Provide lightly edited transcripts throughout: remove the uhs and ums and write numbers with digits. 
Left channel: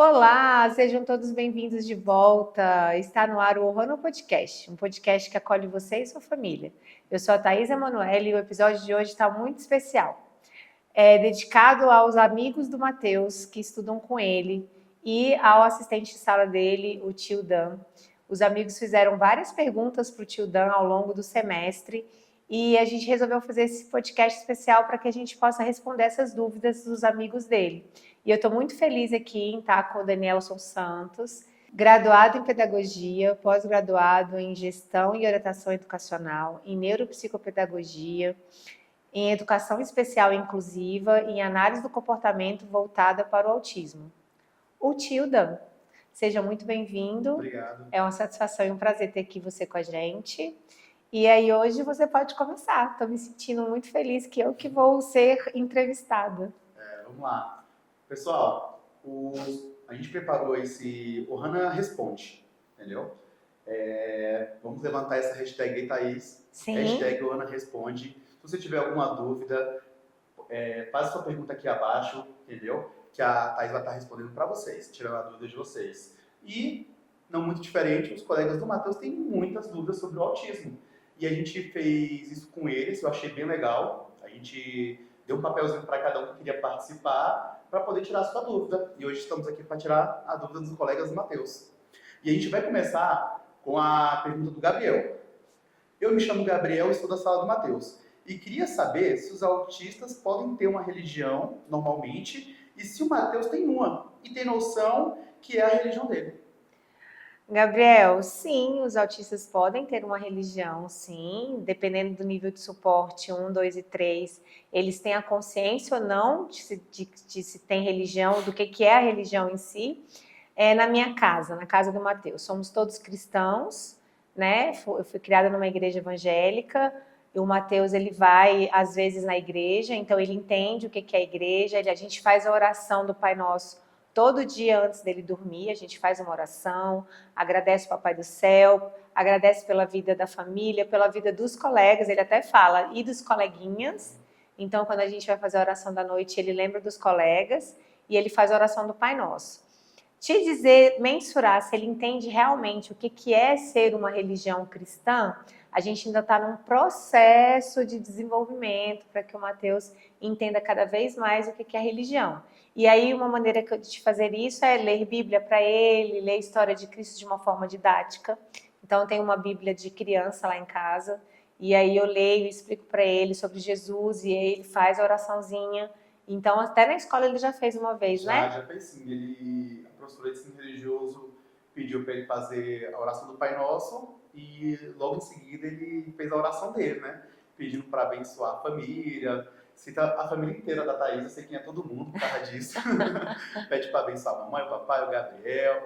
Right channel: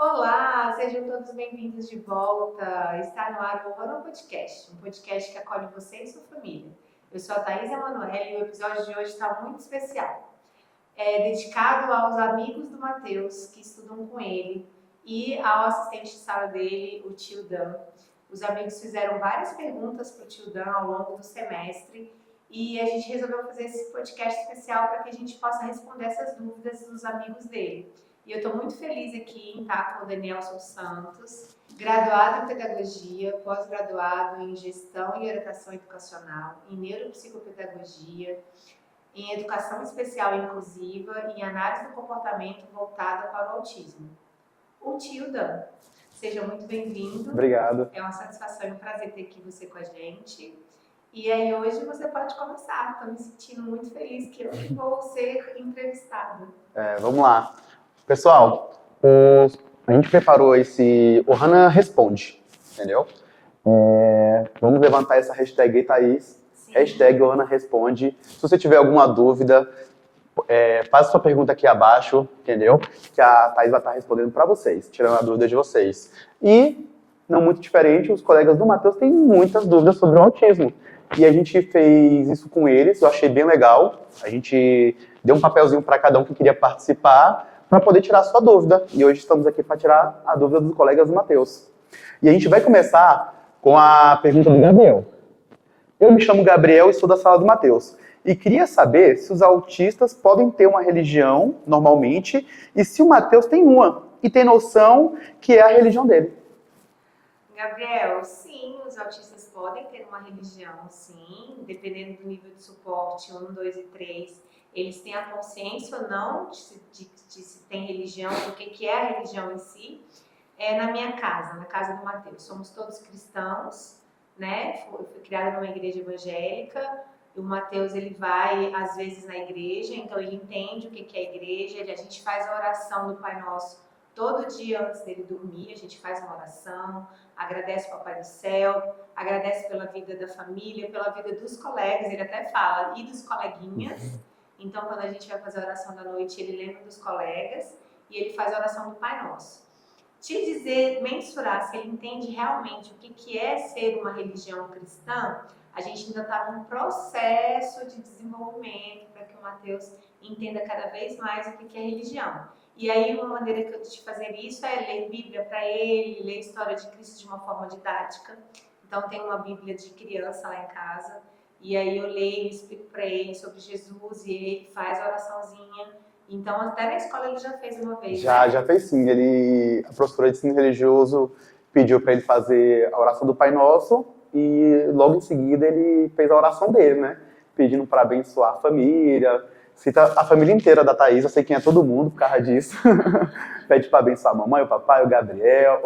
Olá, sejam todos bem-vindos de volta. Está no ar o Ohana Podcast, um podcast que acolhe você e sua família. Eu sou a Thaís Emanuele e o episódio de hoje está muito especial. É dedicado aos amigos do Matheus que estudam com ele e ao assistente de sala dele, o tio Dan. Os amigos fizeram várias perguntas para o tio Dan ao longo do semestre e a gente resolveu fazer esse podcast especial para que a gente possa responder essas dúvidas dos amigos dele. E eu estou muito feliz aqui em estar com o Danielson Santos, graduado em Pedagogia, pós-graduado em Gestão e Orientação Educacional, em Neuropsicopedagogia, em Educação Especial e Inclusiva e em Análise do Comportamento voltada para o autismo. O tio Dan. Seja muito bem-vindo. Obrigado. É uma satisfação e um prazer ter aqui você com a gente. E aí hoje você pode começar. Estou me sentindo muito feliz que eu que vou ser entrevistada. Vamos lá. Pessoal, a gente preparou esse Ohana Responde, entendeu? Vamos levantar essa hashtag aí, Thaís. Sim. Hashtag Ohana Responde. Se você tiver alguma dúvida, faça sua pergunta aqui abaixo, entendeu? Que a Thaís vai estar respondendo para vocês, tirando a dúvida de vocês. E, não muito diferente, os colegas do Matheus têm muitas dúvidas sobre o autismo. E a gente fez isso com eles, eu achei bem legal. A gente deu um papelzinho para cada um que queria participar, para poder tirar a sua dúvida. E hoje estamos aqui para tirar a dúvida dos colegas do Matheus. E a gente vai começar com a pergunta do Gabriel. Eu me chamo Gabriel e sou da sala do Matheus. E queria saber se os autistas podem ter uma religião, normalmente, e se o Matheus tem uma, e tem noção que é a religião dele. Gabriel, sim, os autistas podem ter uma religião, sim, dependendo do nível de suporte 1, 2 e 3, eles têm a consciência ou não de se tem religião, do que é a religião em si. Na minha casa, na casa do Matheus, somos todos cristãos, né? Eu fui criada numa igreja evangélica, e o Matheus, ele vai, às vezes, na igreja, então ele entende o que é a igreja, a gente faz a oração do Pai Nosso todo dia antes dele dormir, a gente faz uma oração, agradece o Papai do Céu, agradece pela vida da família, pela vida dos colegas, ele até fala, e dos coleguinhas. Então, quando a gente vai fazer a oração da noite, ele lembra dos colegas e ele faz a oração do Pai Nosso. Te dizer, mensurar se ele entende realmente o que é ser uma religião cristã, a gente ainda está num processo de desenvolvimento para que o Matheus entenda cada vez mais o que é religião. E aí uma maneira de fazer isso é ler Bíblia para ele, ler a história de Cristo de uma forma didática. Então tem uma Bíblia de criança lá em casa, e aí eu leio e explico para ele sobre Jesus, e aí ele faz a oraçãozinha. Então até na escola ele já fez uma vez, né? Já fez sim. A professora de ensino religioso pediu para ele fazer a oração do Pai Nosso, e logo em seguida ele fez a oração dele, né? Pedindo para abençoar a família. Cita a família inteira da Thaís, eu sei quem é todo mundo por causa disso. Pede para abençoar a mamãe, o papai, o Gabriel,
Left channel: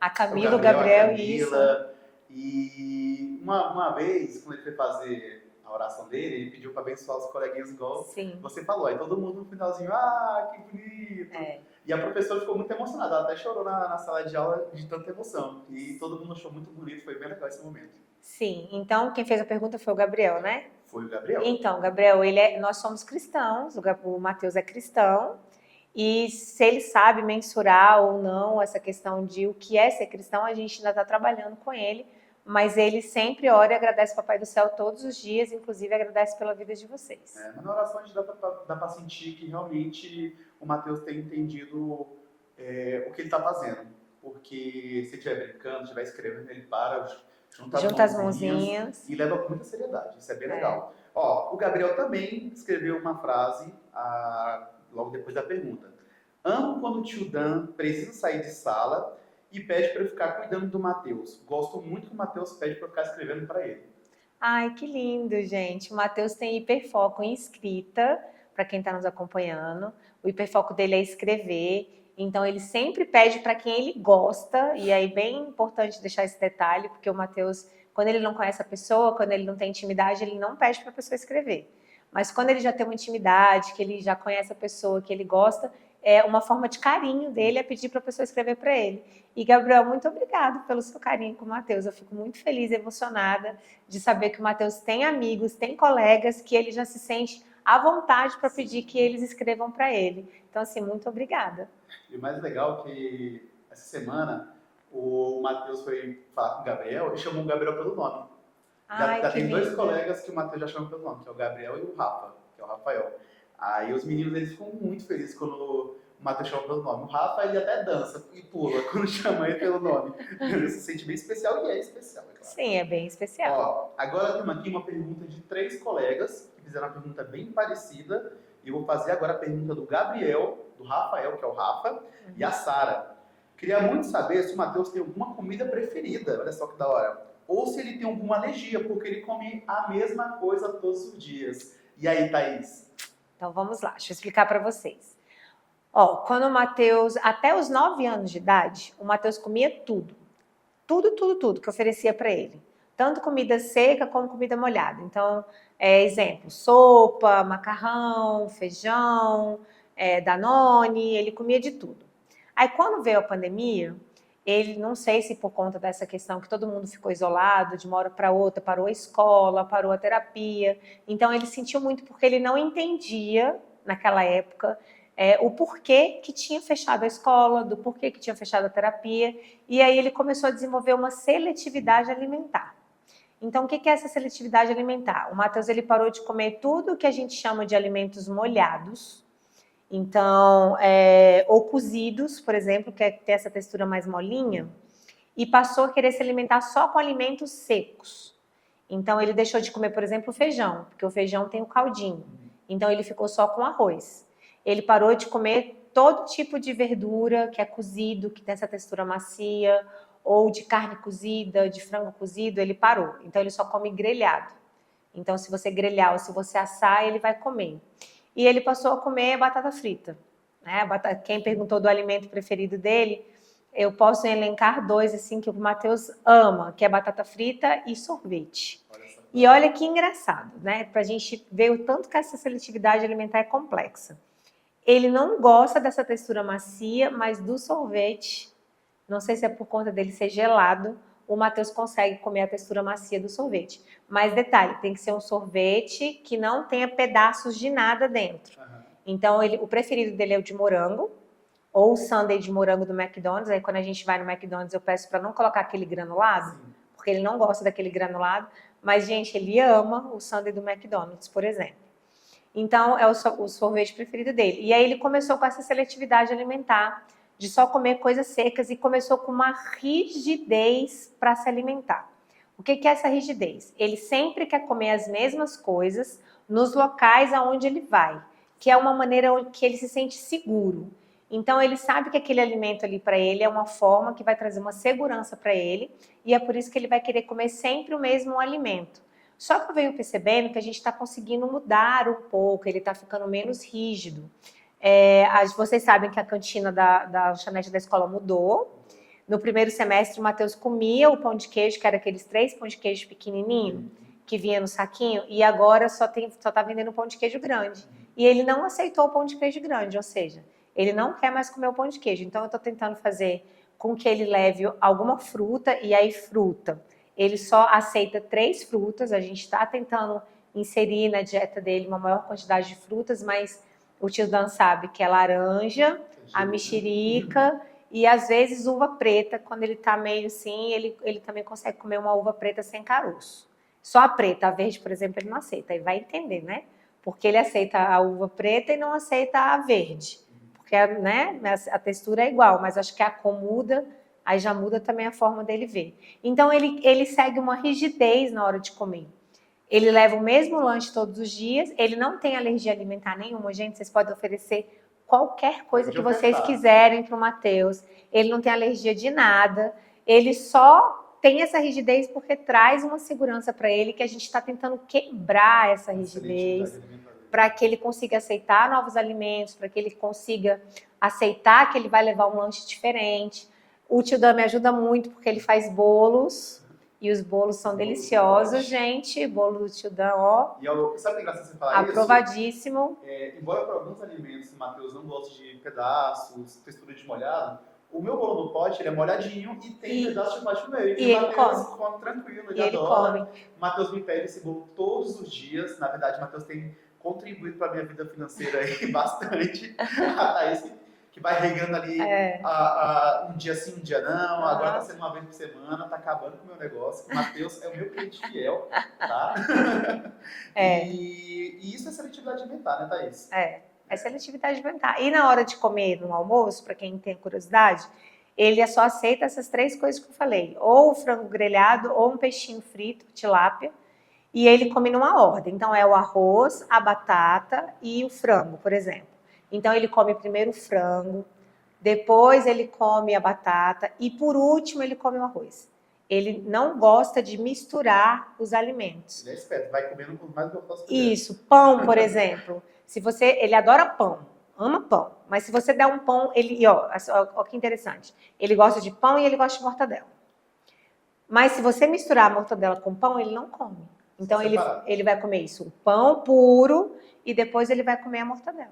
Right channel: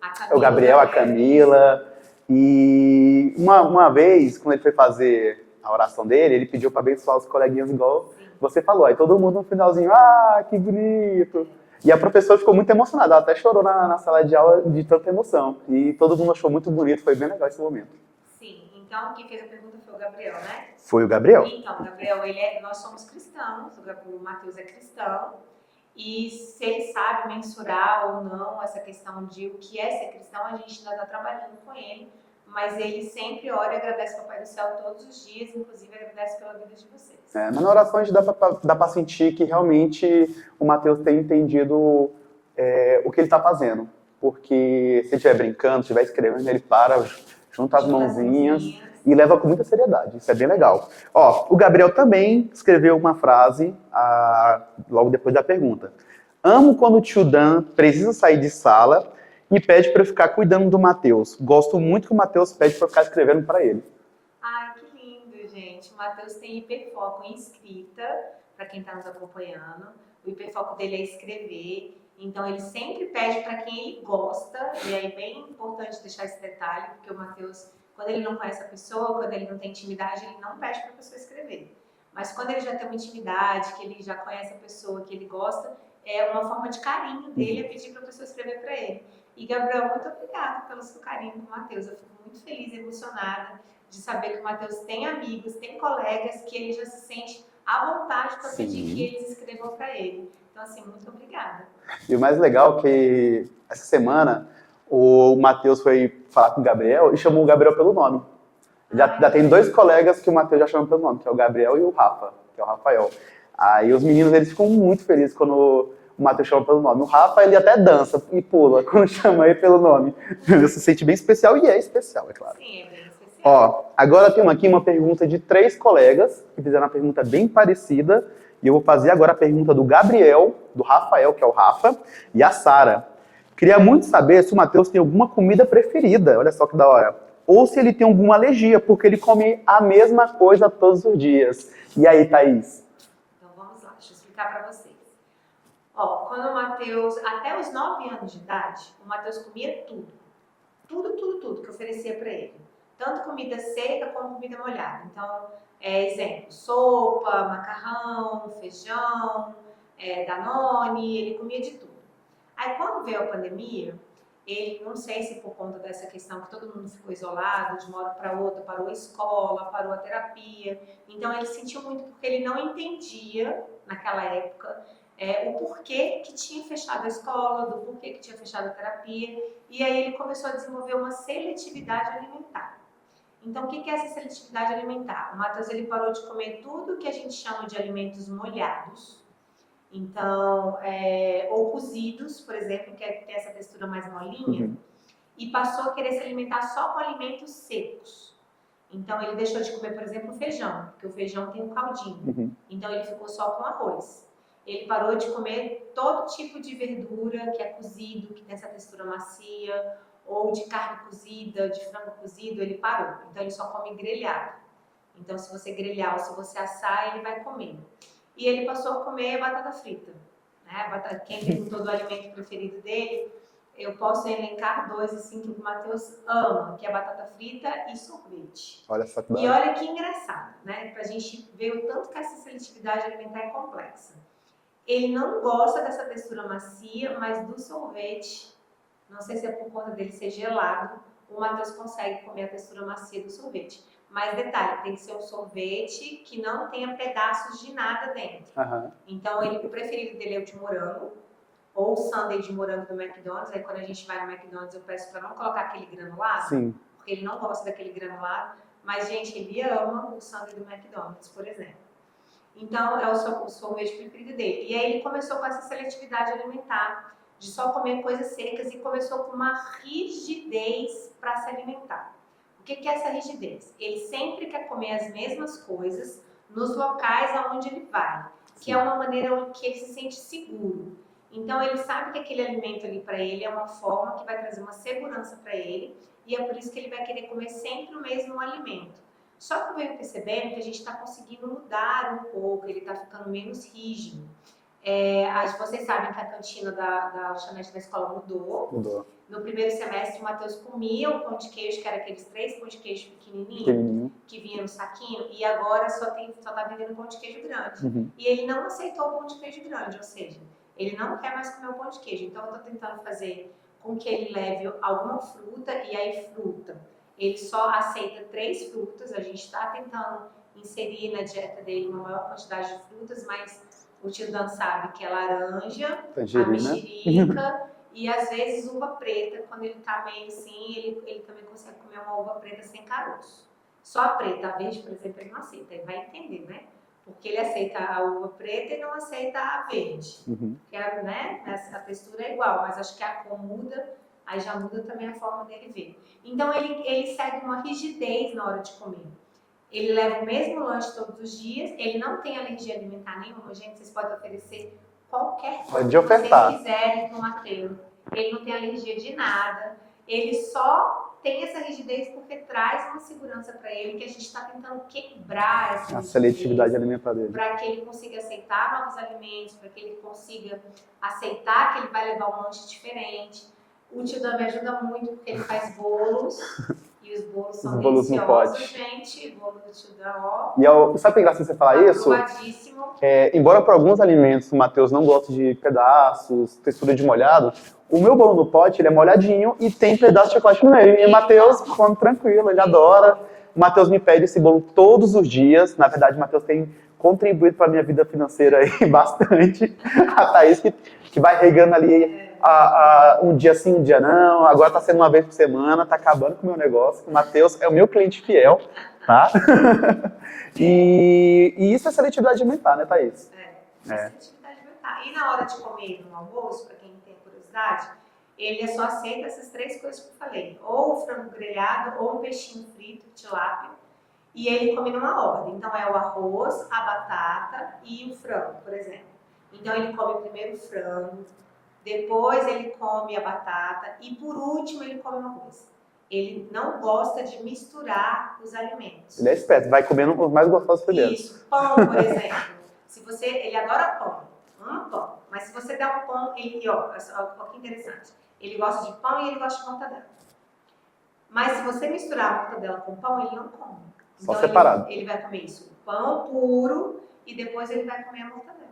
Camila, o Gabriel, a Camila. E uma vez, quando ele foi fazer a oração dele, ele pediu para abençoar os coleguinhas igual você falou. Aí todo mundo no finalzinho, que bonito. E a professora ficou muito emocionada, ela até chorou na sala de aula de tanta emoção. E todo mundo achou muito bonito, foi bem legal esse momento. Sim, então quem fez a pergunta foi o Gabriel, né? Foi o Gabriel. Então, Gabriel, nós somos cristãos, o Matheus é cristão, e se ele sabe mensurar ou não essa questão de o que é ser cristão, a gente ainda está trabalhando com ele, mas ele sempre ora e agradece ao Papai do Céu todos os dias, inclusive agradece pela vida de vocês. Mas na oração a gente dá para sentir que realmente o Matheus tem entendido o que ele está fazendo, porque se ele estiver brincando, estiver escrevendo, ele para... Junta as mãozinhas e leva com muita seriedade. Isso é bem legal. O Gabriel também escreveu uma frase logo depois da pergunta. Amo quando o tio Dan precisa sair de sala e pede para eu ficar cuidando do Matheus. Gosto muito que o Matheus pede para eu ficar escrevendo para ele. Ai, que lindo, gente. O Matheus tem hiperfoco em escrita, para quem está nos acompanhando. O hiperfoco dele é escrever. Então, ele sempre pede para quem ele gosta, e aí bem importante deixar esse detalhe, porque o Matheus, quando ele não conhece a pessoa, quando ele não tem intimidade, ele não pede para a pessoa escrever. Mas quando ele já tem uma intimidade, que ele já conhece a pessoa, que ele gosta, é uma forma de carinho dele é pedir para a pessoa escrever para ele. E, Gabriel, muito obrigada pelo seu carinho com o Matheus. Eu fico muito feliz e emocionada de saber que o Matheus tem amigos, tem colegas, que ele já se sente à vontade para pedir que eles escrevam para ele. Então, assim, muito obrigada. E o mais legal é que essa semana o Matheus foi falar com o Gabriel e chamou o Gabriel pelo nome. Já tem dois colegas que o Matheus já chama pelo nome, que é o Gabriel e o Rafa, que é o Rafael. Aí os meninos, eles ficam muito felizes quando o Matheus chama pelo nome. O Rafa, ele até dança e pula quando chama ele pelo nome. Ele se sente bem especial e é especial, é claro. Sim, é bem especial. Ó, agora temos aqui uma pergunta de 3 colegas que fizeram uma pergunta bem parecida. E eu vou fazer agora a pergunta do Gabriel, do Rafael, que é o Rafa, e a Sara. Queria muito saber se o Matheus tem alguma comida preferida, olha só que da hora. Ou se ele tem alguma alergia, porque ele come a mesma coisa todos os dias. E aí, Thaís? Então vamos lá, deixa eu explicar para vocês. Ó, quando o Matheus, até os 9 anos de idade, o Matheus comia tudo. Tudo que eu oferecia para ele. Tanto comida seca como comida molhada. Então, exemplo, sopa, macarrão, feijão, Danone, ele comia de tudo. Aí quando veio a pandemia, ele, não sei se por conta dessa questão que todo mundo ficou isolado, de uma hora para outra, parou a escola, parou a terapia. Então ele sentiu muito porque ele não entendia, naquela época, o porquê que tinha fechado a escola, do porquê que tinha fechado a terapia. E aí ele começou a desenvolver uma seletividade alimentar. Então o que é essa seletividade alimentar? O Matheus, ele parou de comer tudo que a gente chama de alimentos molhados. Então, ou cozidos, por exemplo, que tem essa textura mais molinha, e passou a querer se alimentar só com alimentos secos. Então, ele deixou de comer, por exemplo, feijão, porque o feijão tem o caldinho. Então, ele ficou só com arroz. Ele parou de comer todo tipo de verdura que é cozido, que tem essa textura macia, ou de carne cozida, de frango cozido, ele parou. Então, ele só come grelhado. Então, se você grelhar ou se você assar, ele vai comer. E ele passou a comer batata frita. Né? Quem perguntou do alimento preferido dele, eu posso elencar 2 assim, que o Matheus ama, que é batata frita e sorvete. Olha só que e olha que engraçado, né? Pra gente ver o tanto que essa seletividade alimentar é complexa. Ele não gosta dessa textura macia, mas do sorvete, não sei se é por conta dele ser gelado, o Matheus consegue comer a textura macia do sorvete. Mas detalhe, tem que ser um sorvete que não tenha pedaços de nada dentro. Então, o preferido dele é o de morango, ou o sundae de morango do McDonald's. Aí, quando a gente vai no McDonald's, eu peço para não colocar aquele granulado, Sim. porque ele não gosta daquele granulado. Mas, gente, ele ama o sundae do McDonald's, por exemplo. Então, é o sorvete preferido dele. E aí, ele começou com essa seletividade alimentar, de só comer coisas secas, e começou com uma rigidez para se alimentar. O que é essa rigidez? Ele sempre quer comer as mesmas coisas nos locais aonde ele vai, que é uma maneira que ele se sente seguro. Então, ele sabe que aquele alimento ali para ele é uma forma que vai trazer uma segurança para ele, e é por isso que ele vai querer comer sempre o mesmo alimento. Só que eu venho percebendo que a gente está conseguindo mudar um pouco, ele está ficando menos rígido. Vocês sabem que a cantina da lanchonete da escola mudou. No primeiro semestre, o Matheus comia o pão de queijo, que era aqueles 3 pão de queijo pequenininho, que vinha no saquinho, e agora só tá vendendo pão de queijo grande. E ele não aceitou o pão de queijo grande, ou seja, ele não quer mais comer o pão de queijo. Então, eu tô tentando fazer com que ele leve alguma fruta, e aí fruta. Ele só aceita 3 frutas, a gente está tentando inserir na dieta dele uma maior quantidade de frutas, mas o tio Dan sabe que é laranja, tangerina, a mexerica e às vezes uva preta. Quando ele tá meio assim, ele também consegue comer uma uva preta sem caroço. Só a preta, a verde, por exemplo, ele não aceita. Aí vai entender, né? Porque ele aceita a uva preta e não aceita a verde. Porque né, a textura é igual, mas acho que a cor muda, aí já muda também a forma dele ver. Então ele segue uma rigidez na hora de comer. Ele leva o mesmo lanche todos os dias, ele não tem alergia alimentar nenhuma, gente, vocês podem oferecer qualquer coisa que vocês quiserem para o Matheus. Ele não tem alergia de nada, ele só tem essa rigidez porque traz uma segurança para ele, que a gente está tentando quebrar essa rigidez, seletividade alimentar dele, para que ele consiga aceitar novos alimentos, para que ele consiga aceitar que ele vai levar um lanche diferente. O tio Dan me ajuda muito porque ele faz bolos. E os bolos são deliciosos, gente. Bolo do tio Dan, ó. E sabe o que é engraçado você falar isso? Aprovadíssimo. Embora para alguns alimentos o Matheus não goste de pedaços, textura de molhado, o meu bolo no pote, ele é molhadinho e tem pedaço de chocolate no meio. E o Matheus come tranquilo, ele adora. Come. O Matheus me pede esse bolo todos os dias. Na verdade, o Matheus tem contribuído para minha vida financeira aí bastante. A Thaís que vai regando ali um dia sim, um dia não. Agora tá sendo uma vez por semana, tá acabando com o meu negócio. O Matheus é o meu cliente fiel, tá? E isso é seletividade alimentar, né, Thaís? É seletividade alimentar. E na hora de comer no almoço, para quem tem curiosidade, ele só aceita essas 3 coisas que eu falei. Ou o frango grelhado, ou um peixinho frito, tilápia. E ele come numa ordem. Então, é o arroz, a batata e o frango, por exemplo. Então, ele come primeiro o frango, depois ele come a batata e, por último, ele come o arroz. Ele não gosta de misturar os alimentos. Ele é esperto, vai comendo os mais gostosos primeiro. Isso, pão, por exemplo. Ele adora pão, ama pão. Mas se você der um pão, ó que interessante. Ele gosta de pão e ele gosta de mortadela. Mas se você misturar a mortadela com pão, ele não come. Então ele vai comer isso, o pão puro, e depois ele vai comer a mortadela.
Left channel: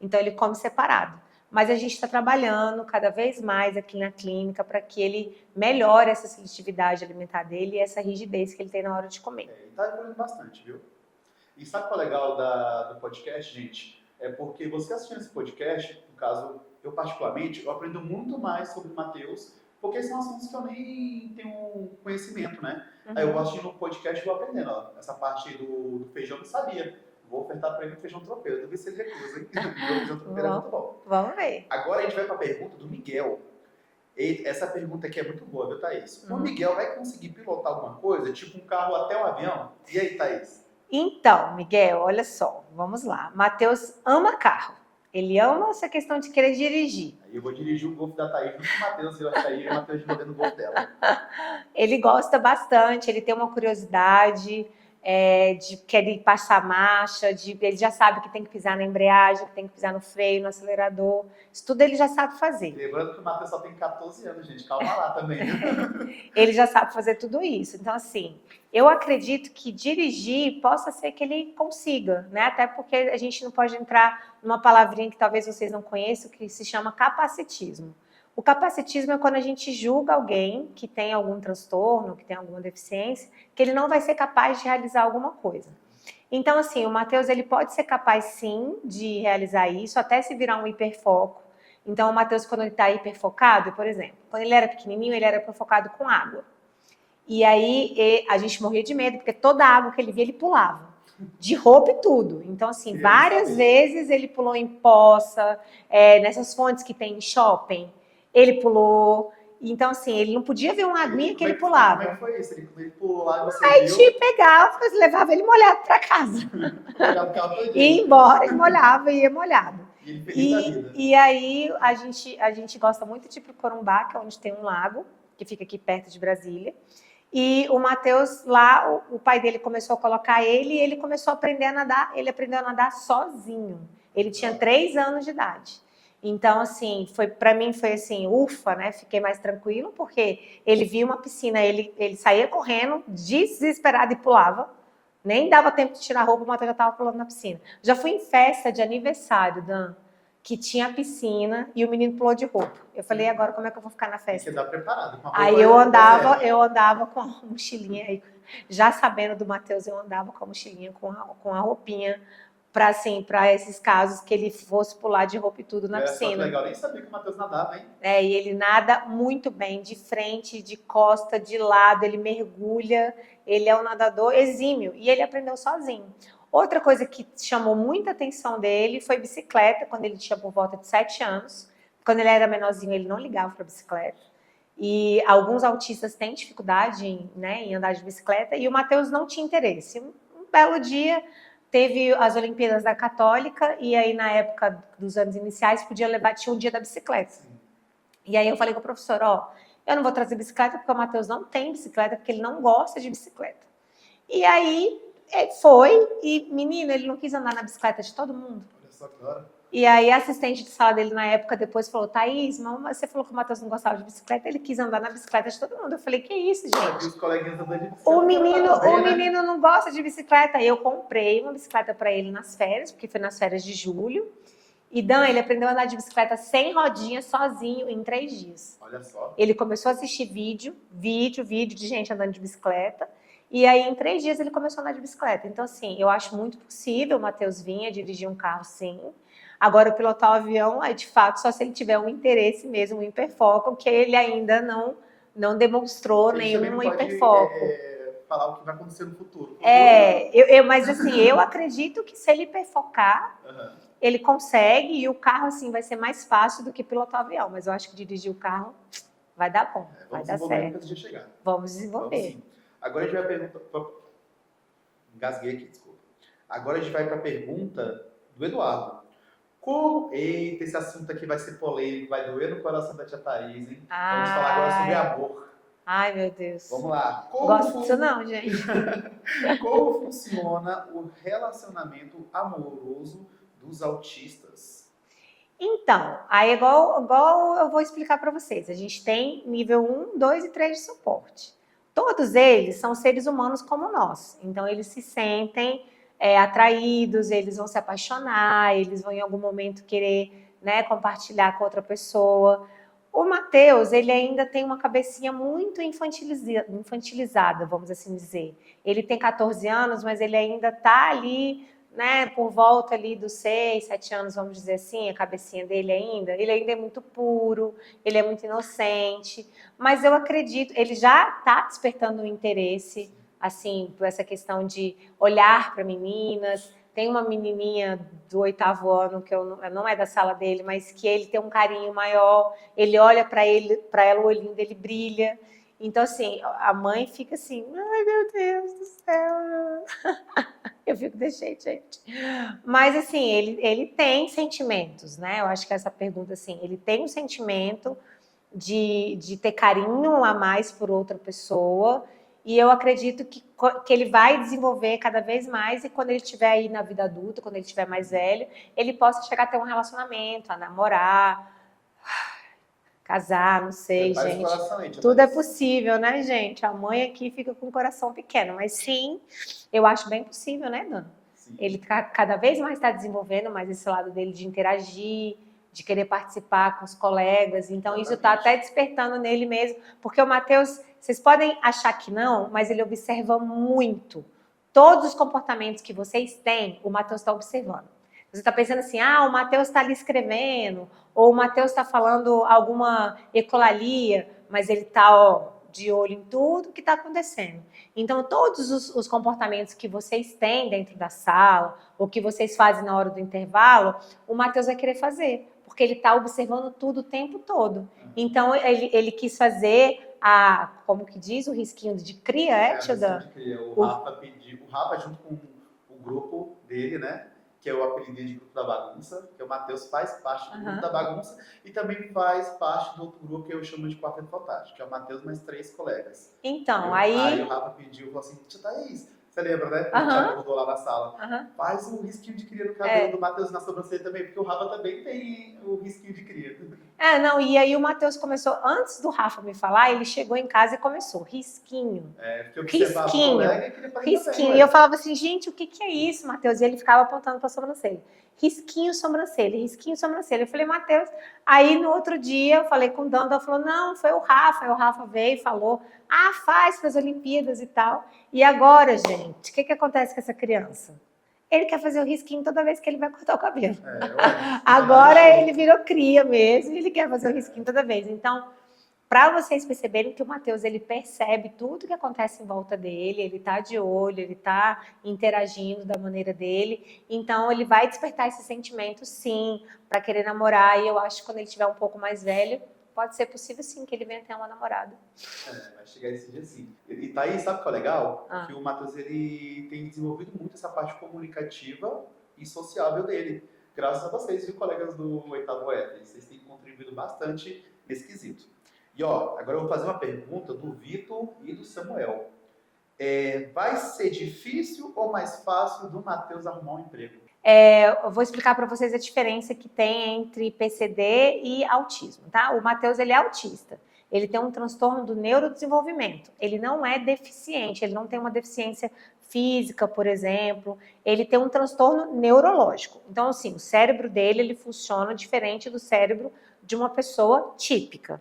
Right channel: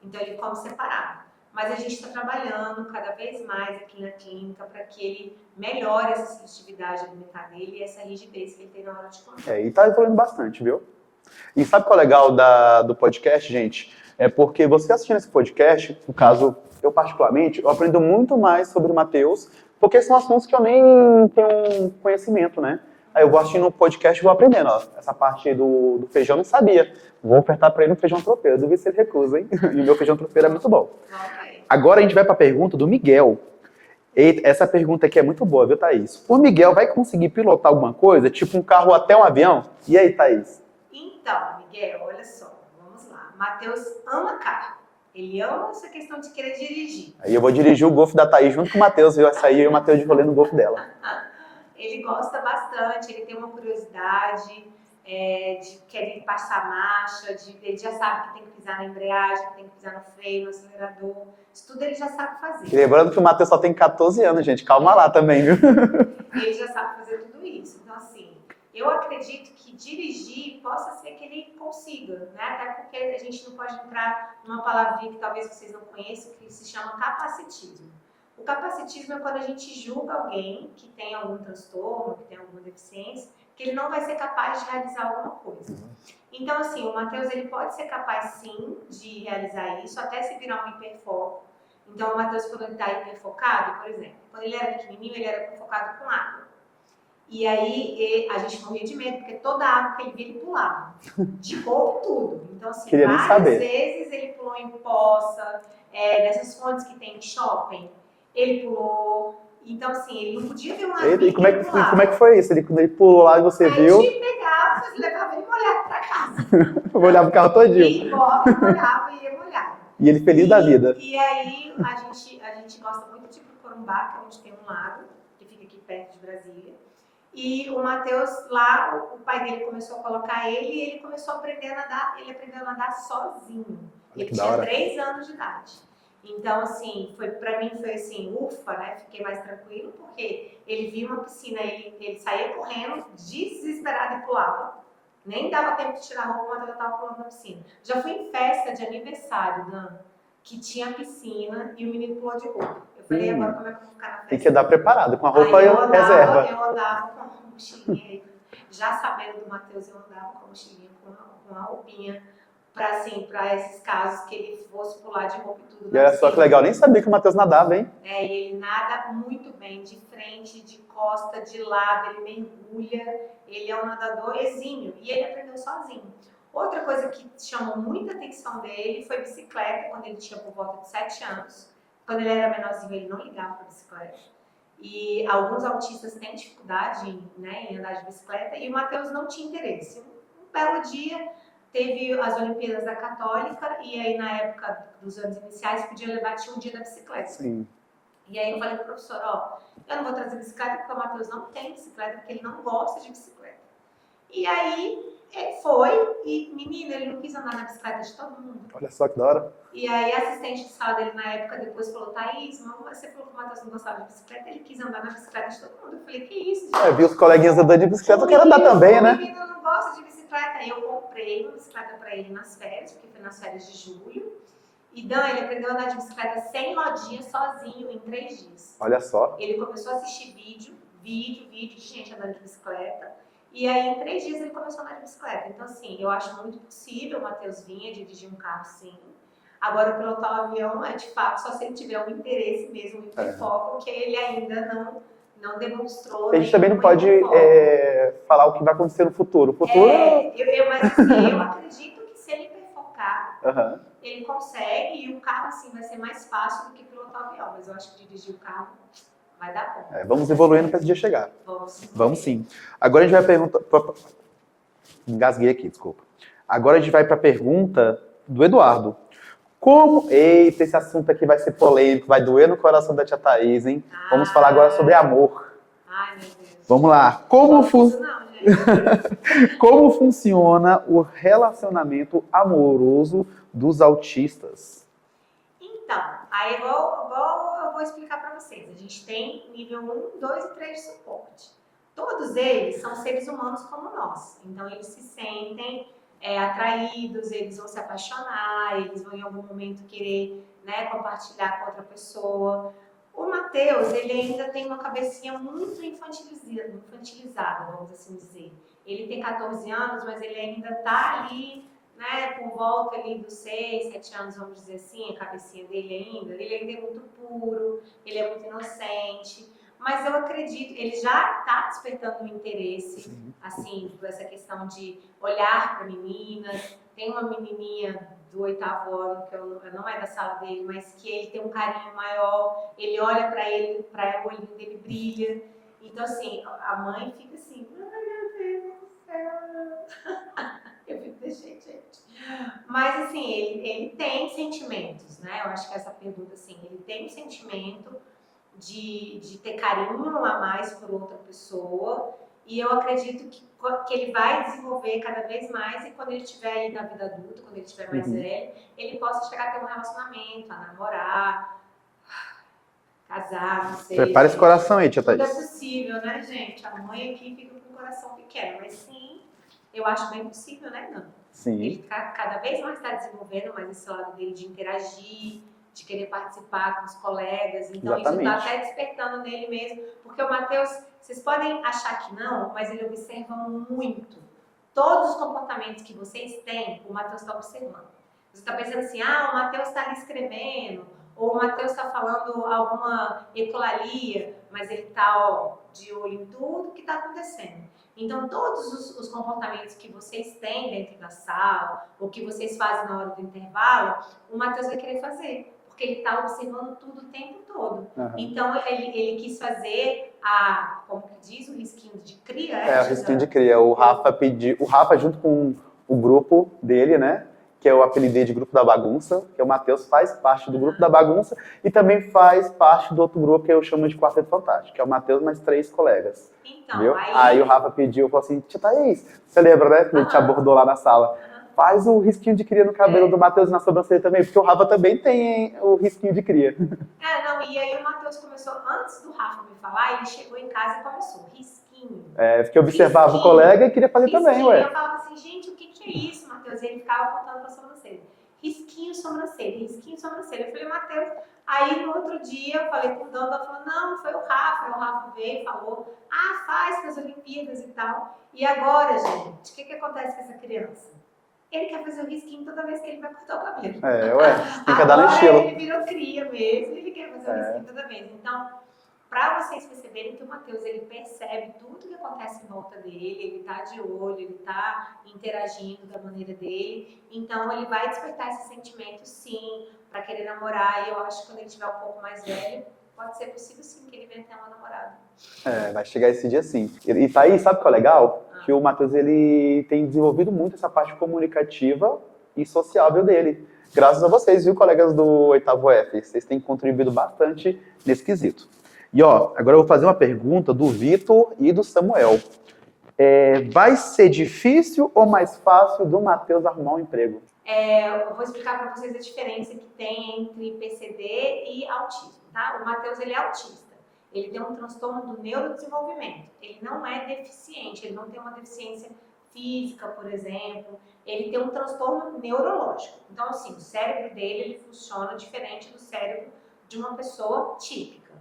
Então ele come separado. Mas a gente está trabalhando cada vez mais aqui na clínica para que ele melhore essa seletividade alimentar dele e essa rigidez que ele tem na hora de comer. E tá evoluindo bastante, viu? E sabe qual é o legal do podcast, gente? É porque você assistindo esse podcast, no caso, eu particularmente, eu aprendo muito mais sobre o Matheus, porque são assuntos que eu nem tenho conhecimento, né? Aí eu vou assistindo um podcast e vou aprendendo, ó. Essa parte do feijão eu não sabia. Vou ofertar para ele um feijão tropeiro. Eu duvido se ele recusa, hein? E meu feijão tropeiro é muito bom. Vamos ver. Agora a gente vai para a pergunta do Miguel. Eita, essa pergunta aqui é muito boa, viu, Thaís? O Miguel vai conseguir pilotar alguma coisa, tipo um carro até um avião? E aí, Thaís? Então, Miguel, olha só. Vamos lá. Matheus ama carro. Ele ama essa questão de querer dirigir. Aí eu vou dirigir o Golf da Thaís junto com o Matheus. Vai sair o Matheus de rolê no Golf dela. Ele gosta bastante, ele tem uma curiosidade de querer passar marcha, ele já sabe que tem que pisar na embreagem, que tem que pisar no freio, no acelerador. Isso tudo ele já sabe fazer. E lembrando que o Matheus só tem 14 anos, gente. Calma lá também, viu? Ele já sabe fazer tudo isso. Então, assim, eu acredito que dirigir possa ser que ele consiga, né? Até porque a gente não pode entrar numa palavrinha que talvez vocês não conheçam, que se chama capacitismo. O capacitismo é quando a gente julga alguém que tem algum transtorno, que tem alguma deficiência, que ele não vai ser capaz de realizar alguma coisa. Então, assim, o Matheus, ele pode ser capaz, sim, de realizar isso, até se virar um hiperfoco. Então, o Matheus, quando ele está hiperfocado, por exemplo, quando ele era pequenininho, ele era hiperfocado com água. E aí, a gente morria de medo, porque toda a água que ele via, ele pulava. De roupa e tudo. Então, assim, várias vezes ele pulou em poça, nessas fontes que tem em shopping, ele pulou. Então, assim, ele não podia ver um laguinho que ele pulava. Como é que foi isso? Quando ele pulou lá e você viu... Aí a gente pegava, levava ele molhado para casa. Molhava o carro todinho. Ia embora, ele molhava e ia molhado. E ele feliz da vida. E aí, a gente gosta muito de ir pro Corumbá, que é onde tem um lago, que fica aqui perto de Brasília. E o Matheus, lá, o pai dele começou a colocar ele e ele começou a aprender a nadar. Ele aprendeu a nadar sozinho. Ele tinha 3 anos de idade. Então, assim, para mim foi assim, ufa, né? Fiquei mais tranquilo, porque ele via uma piscina, ele saía correndo, desesperado e pulava. Nem dava tempo de tirar a roupa, o Matheus já estava pulando na piscina. Já fui em festa de aniversário, Dan, que tinha piscina e o menino pulou de roupa. Eu falei, agora como é que eu vou ficar na festa? Tem que andar preparado, com a roupa aí eu andava com a mochilinha, aí, já sabendo do Matheus, eu andava com a mochilinha, com a roupinha, para esses casos que ele fosse pular de roupa e tudo na piscina. Só que legal, nem sabia que o Matheus nadava, hein? E ele nada muito bem, de frente, de costa, de lado, ele mergulha, ele é um nadador exímio e ele aprendeu sozinho. Outra coisa que chamou muita atenção dele foi bicicleta, quando ele tinha por volta de 7 anos. Quando ele era menorzinho, ele não ligava para bicicleta. E alguns autistas têm dificuldade em andar de bicicleta e o Matheus não tinha interesse. Um belo dia... Teve as Olimpíadas da Católica e aí na época dos anos iniciais tinha um dia da bicicleta. Sim. E aí eu falei com o professor, eu não vou trazer bicicleta porque o Matheus não tem bicicleta, porque ele não gosta de bicicleta. E aí ele foi e, menino, ele não quis andar na bicicleta de todo mundo. Olha só que da hora. E aí a assistente de sala dele na época depois falou, Thaís, mas você falou que o Matheus não gostava de bicicleta, ele quis andar na bicicleta de todo mundo. Eu falei, que isso, gente? Eu vi os coleguinhas andando de bicicleta, eu quero andar também, né? O menino não gosta de bicicleta. Aí eu comprei uma bicicleta para ele nas férias, porque foi nas férias de julho. E Dan, ele aprendeu a andar de bicicleta sem rodinha, sozinho, em 3 dias. Olha só. Ele começou a assistir vídeo de gente andando de bicicleta. E aí, em 3 dias, ele começou a andar de bicicleta. Então, assim, eu acho muito possível o Matheus vir a dirigir um carro, sim. Agora, pilotar o avião é, de fato, só se ele tiver um interesse mesmo, um hiperfoco, que ele ainda não demonstrou A gente também não nenhum pode hiperfoco. falar o que vai acontecer no futuro. O futuro... Mas assim, eu acredito que se ele hiperfocar, Aham. ele consegue, e o carro, assim, vai ser mais fácil do que pilotar o avião. Mas eu acho que dirigir o carro vai dar bom. Vamos vai dar evoluindo certo. para esse dia chegar. Vamos desenvolver. Vamos sim. Agora a gente vai perguntar... Engasguei aqui, desculpa. Agora a gente vai para a pergunta do Eduardo. Como... Eita, esse assunto aqui vai ser polêmico, vai doer no coração da tia Thaís, hein? Vamos falar agora sobre amor. Ai, meu Deus. Vamos lá. Não, gente. Como funciona o relacionamento amoroso dos autistas? Então, aí igual eu vou explicar para vocês. A gente tem nível 1, 2 e 3 de suporte. Todos eles são seres humanos como nós. Então, eles se sentem atraídos, eles vão se apaixonar, eles vão em algum momento querer, né, compartilhar com outra pessoa. O Matheus, ele ainda tem uma cabecinha muito infantilizada, vamos assim dizer. Ele tem 14 anos, mas ele ainda está ali, né, por volta ali dos 6, 7 anos, vamos dizer assim, a cabecinha dele ainda. Ele ainda é muito puro, ele é muito inocente. Mas eu acredito, ele já está despertando um interesse, assim, por essa questão de olhar para meninas. Tem uma menininha do 8º ano, que não é da sala dele, mas que ele tem um carinho maior. Ele olha para ela, o olhinho dele brilha. Então, assim, a mãe fica assim, ai, meu Deus do céu. Eu fico desse jeito, gente. Mas, assim, ele tem sentimentos, né? Eu acho que essa pergunta, assim, ele tem um sentimento de ter carinho a mais por outra pessoa, e eu acredito que ele vai desenvolver cada vez mais, e quando ele estiver aí na vida adulta, quando ele estiver mais velho, ele possa chegar a ter um relacionamento, a namorar, casar, não sei. Prepara esse coração aí, tia Thaís. Tudo é possível, né, gente? A mãe aqui fica com o coração pequeno, mas sim, eu acho bem possível, né, Dana? Sim. Ele cada vez mais está desenvolvendo mais esse lado dele de interagir, de querer participar com os colegas. Então, Exatamente. isso está até despertando nele mesmo. Porque o Matheus, vocês podem achar que não, mas ele observa muito. Todos os comportamentos que vocês têm, o Matheus está observando. Você está pensando assim, o Matheus está ali escrevendo, ou o Matheus está falando alguma ecolalia, mas ele está, de olho em tudo que está acontecendo. Então, todos os comportamentos que vocês têm dentro da sala, ou que vocês fazem na hora do intervalo, o Matheus vai querer fazer, porque ele está observando tudo o tempo todo. Então, ele quis fazer como que diz, o risquinho de cria, o risquinho de cria. O Rafa junto com o grupo dele, né? Que é o apelidei de Grupo da Bagunça, que é o Matheus, faz parte do Grupo da Bagunça, e também faz parte do outro grupo que eu chamo de Quarteto Fantástico, que é o Matheus mais 3 colegas. Então, aí o Rafa pediu, falou assim, tia Thaís, você lembra, né? Que te abordou lá na sala. Faz o risquinho de cria no cabelo do Matheus e na sobrancelha também, porque o Rafa também tem o risquinho de cria. E aí o Matheus começou, antes do Rafa me falar, ele chegou em casa e começou, risquinho. Porque eu observava o colega e queria fazer também. E eu falava assim, gente, o que é isso, Matheus? E ele ficava apontando para a sobrancelha. Risquinho, sobrancelha, risquinho, sobrancelha. Eu falei, Matheus. Aí no outro dia, eu falei com o Dando, ela falou, não, foi o Rafa. Aí o Rafa veio e falou, faz para as Olimpíadas e tal. E agora, gente, o que acontece com essa criança? Ele quer fazer o risquinho toda vez que ele vai cortar o cabelo. Agora ele virou cria mesmo, ele quer fazer o risquinho toda vez. Então, para vocês perceberem que o Matheus, ele percebe tudo que acontece em volta dele, ele tá de olho, ele tá interagindo da maneira dele, então ele vai despertar esse sentimento, sim, para querer namorar, e eu acho que quando ele estiver um pouco mais velho, pode ser possível, sim, que ele venha ter uma namorada. Vai chegar esse dia, sim. E tá aí, sabe o que é legal? Que o Matheus, ele tem desenvolvido muito essa parte comunicativa e sociável dele. Graças a vocês, viu, colegas do 8º F? Vocês têm contribuído bastante nesse quesito. E agora eu vou fazer uma pergunta do Vitor e do Samuel. Vai ser difícil ou mais fácil do Matheus arrumar um emprego? Eu vou explicar para vocês a diferença que tem entre PCD e autismo, tá? O Matheus, ele é autista. Ele tem um transtorno do neurodesenvolvimento. Ele não é deficiente, ele não tem uma deficiência física, por exemplo. Ele tem um transtorno neurológico. Então, assim, o cérebro dele, ele funciona diferente do cérebro de uma pessoa típica.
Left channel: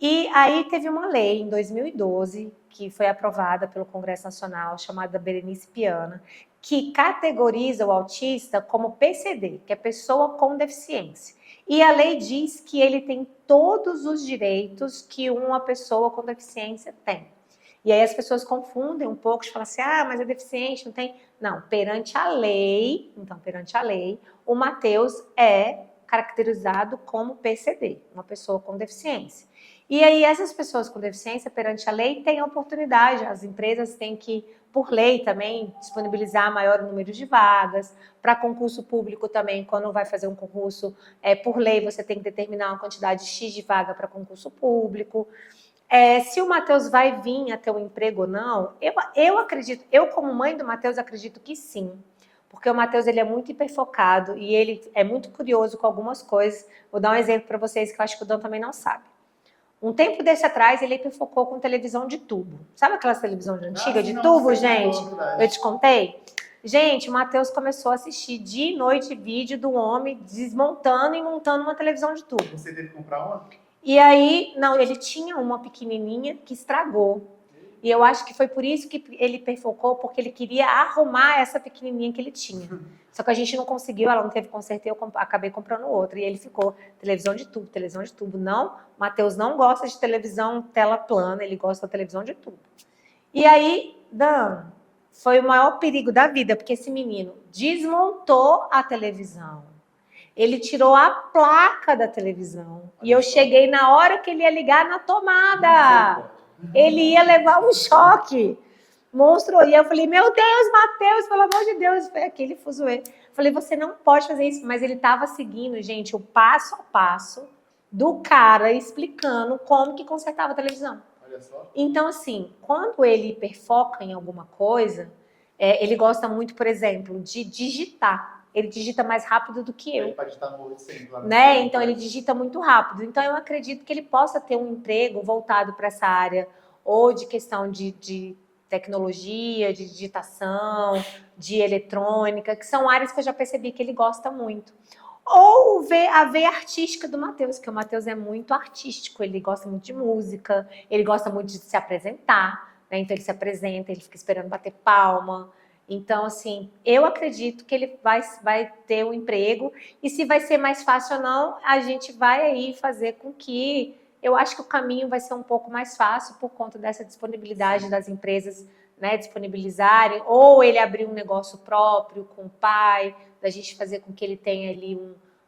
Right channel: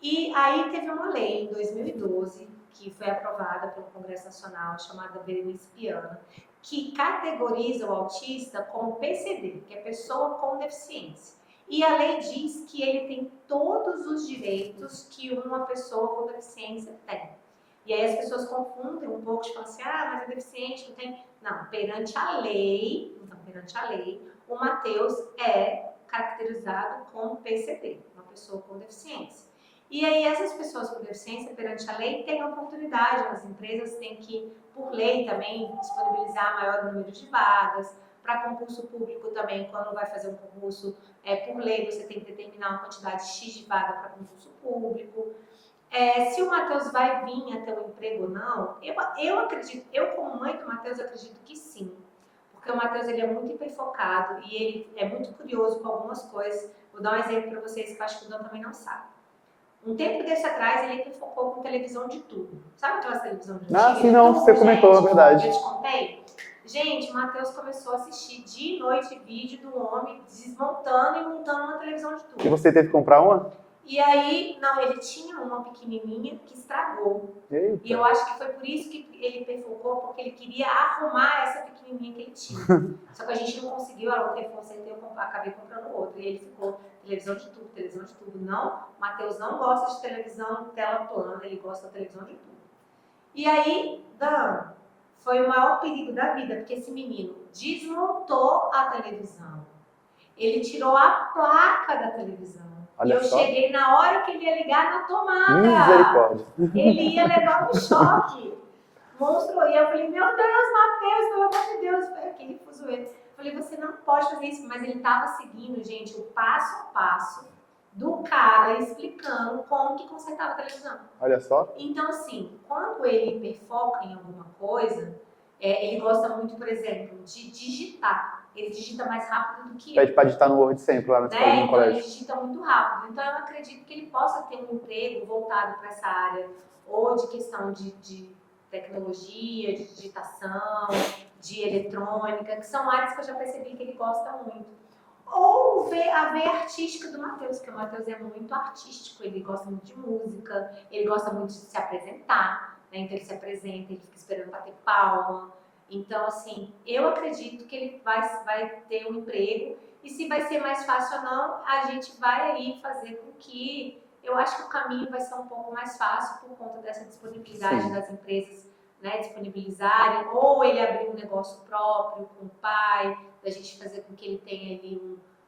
E aí teve uma lei, em 2012, que foi aprovada pelo Congresso Nacional, chamada Berenice Piana, que categoriza o autista como PCD, que é pessoa com deficiência. E a lei diz que ele tem todos os direitos que uma pessoa com deficiência tem. E aí as pessoas confundem um pouco, de falar assim, mas é deficiente, não tem... Não, perante a lei, o Matheus é caracterizado como PCD, uma pessoa com deficiência. E aí essas pessoas com deficiência, perante a lei, têm oportunidade, as empresas têm que, por lei também, disponibilizar maior número de vagas. Para concurso público também, quando vai fazer um concurso, por lei, você tem que determinar uma quantidade X de vaga para concurso público. Se o Matheus vai vir a ter um emprego ou não, eu acredito, eu como mãe do Matheus acredito que sim, porque o Matheus ele é muito hiperfocado e ele é muito curioso com algumas coisas. Vou dar um exemplo para vocês que eu acho que o Dan também não sabe. Um tempo desse atrás ele hiperfocou com televisão de tubo. Sabe aquelas televisões antigas de tubo, você gente? comentou, é verdade. Eu te contei? Gente, o Matheus começou a assistir dia e noite vídeo do homem desmontando e montando uma televisão de tubo. E você teve que comprar uma? E aí, não, ele tinha uma pequenininha que estragou. Eita. E eu acho que foi por isso que ele perfocou, porque ele queria arrumar essa pequenininha que ele tinha. Só que a gente não conseguiu, ela não teve conserto, eu acabei comprando outra. E ele ficou televisão de tubo, televisão de tubo. Não, o Matheus não gosta de televisão tela plana, ele gosta da televisão de tubo. E aí, Dan, foi o maior perigo da vida, porque esse menino desmontou a televisão. Ele tirou a placa da televisão. Olha e eu só. cheguei na hora que ele ia ligar na tomada. Misericórdia. Ele ia levar um choque. Monstro. E eu falei, meu Deus, Matheus, pelo amor de Deus. Foi aquele fuzuê. Falei, você não pode fazer isso. Mas ele estava seguindo, gente, o passo a passo do cara explicando como que consertava a televisão. Olha só. Então, assim, quando ele hiperfoca em alguma coisa, ele gosta muito, por exemplo, de digitar. Ele digita mais rápido do que eu. Pede para digitar no Word sempre lá na né? escola, Então, ele digita muito rápido. Então, eu acredito que ele possa ter um emprego voltado para essa área, ou de questão de tecnologia, de digitação, de eletrônica, que são áreas que eu já percebi que ele gosta muito. Ou a veia artística do Matheus, porque o Matheus é muito artístico, ele gosta muito de música, ele gosta muito de se apresentar, né? Então ele se apresenta, ele fica esperando bater palma. Então, assim, eu acredito que ele vai ter um emprego, e se vai ser mais fácil ou não, a gente vai aí fazer com que... Eu acho que o caminho vai ser um pouco mais fácil por conta dessa disponibilidade das empresas, né, disponibilizarem, ou ele abrir um negócio próprio com o pai, da gente fazer com que ele tenha ali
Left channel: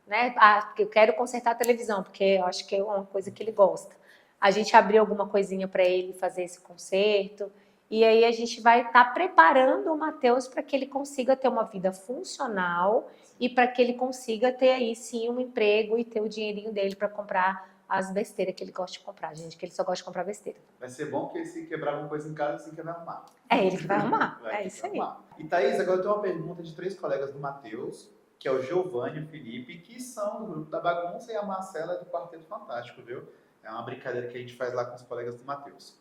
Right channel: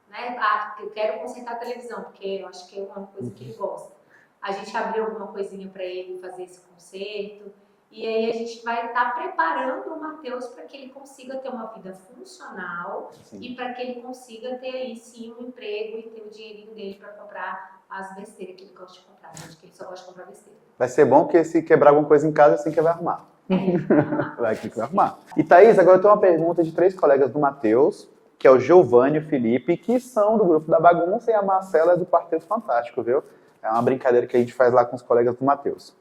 né, eu quero consertar a televisão, porque eu acho que é uma coisa que ele gosta. A gente abrir alguma coisinha para ele fazer esse conserto, e aí a gente vai estar preparando o Matheus para que ele consiga ter uma vida funcional e para que ele consiga ter aí sim um emprego e ter o dinheirinho dele para comprar as besteiras que ele gosta de comprar, gente, que ele só gosta de comprar besteira. Vai ser bom que se quebrar alguma coisa em casa, assim que vai arrumar. Ele vai arrumar. Vai ter que arrumar. E Thaís, agora eu tenho uma pergunta de 3 colegas do Matheus, que é o Giovanni e o Felipe, que são do grupo da bagunça, e a Marcela é do Quarteto Fantástico, viu? É uma brincadeira que a gente faz lá com os colegas do Matheus.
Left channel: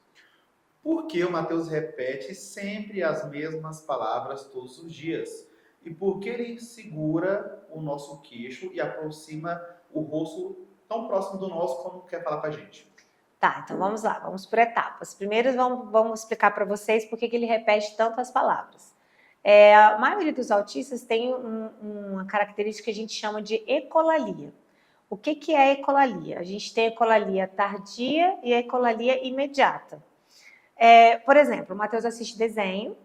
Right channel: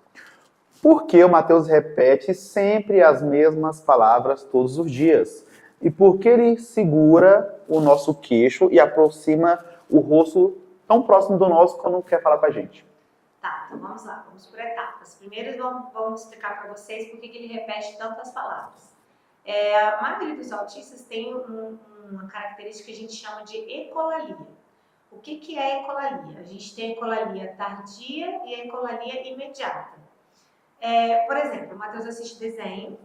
Por que o Matheus repete sempre as mesmas palavras todos os dias? E por que ele segura o nosso queixo e aproxima o rosto tão próximo do nosso quando quer falar com a gente? Tá, então vamos lá, vamos por etapas. Primeiro vamos explicar para vocês por que ele repete tantas palavras. A maioria dos autistas tem uma característica que a gente chama de ecolalia. O que é ecolalia? A gente tem ecolalia tardia e ecolalia imediata. Por exemplo, o Matheus assiste desenho,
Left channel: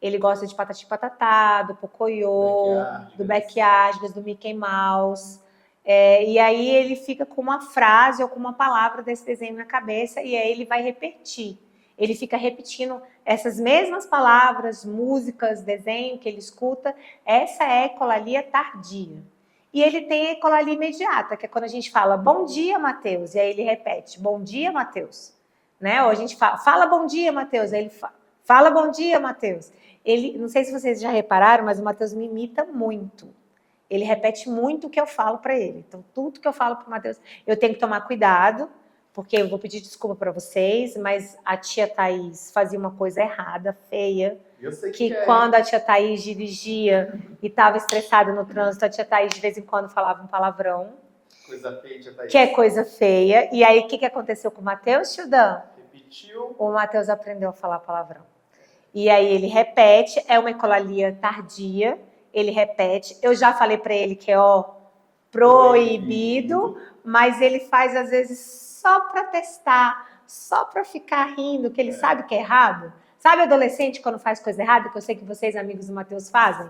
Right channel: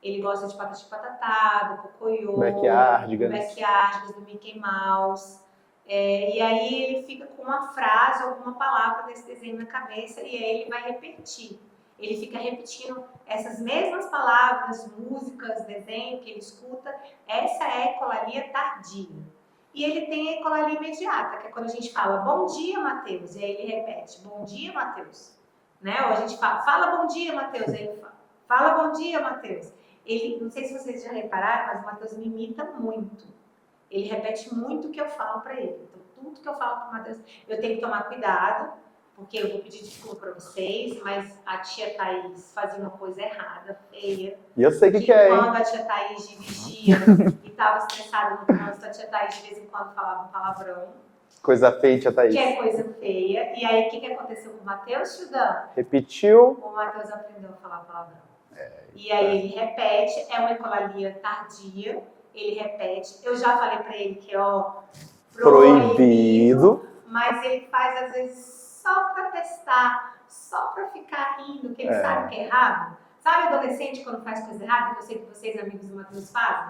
ele gosta de Patati Patatá, do Pocoyo, do Backyardigans, do Mickey Mouse. E aí ele fica com uma frase ou com uma palavra desse desenho na cabeça e aí ele vai repetir. Ele fica repetindo essas mesmas palavras, músicas, desenho que ele escuta. Essa é a ecolalia tardia. E ele tem a ecolalia imediata, que é quando a gente fala bom dia, Matheus, e aí ele repete bom dia, Matheus. Né? Ou a gente fala bom dia, Matheus, aí ele fala bom dia, Matheus. Não sei se vocês já repararam, mas o Matheus me imita muito. Ele repete muito o que eu falo para ele. Então, tudo que eu falo para o Matheus, eu tenho que tomar cuidado, porque eu vou pedir desculpa para vocês, mas a tia Thaís fazia uma coisa errada, feia. E eu sei que quando a tia Thaís dirigia e estava estressada no trânsito, a tia Thaís de vez em quando falava um palavrão. Coisa feia, tia Thaís. Que é coisa feia. E aí, o que aconteceu com o Matheus, tio Dan? Repetiu. O Matheus aprendeu a falar palavrão. E aí ele repete, é uma ecolalia tardia, ele repete. Eu já falei para ele que é proibido, mas ele faz às vezes só para testar, só para ficar rindo, que ele sabe que é errado. Sabe adolescente quando faz coisa errada, que eu sei que vocês, amigos do Matheus, fazem?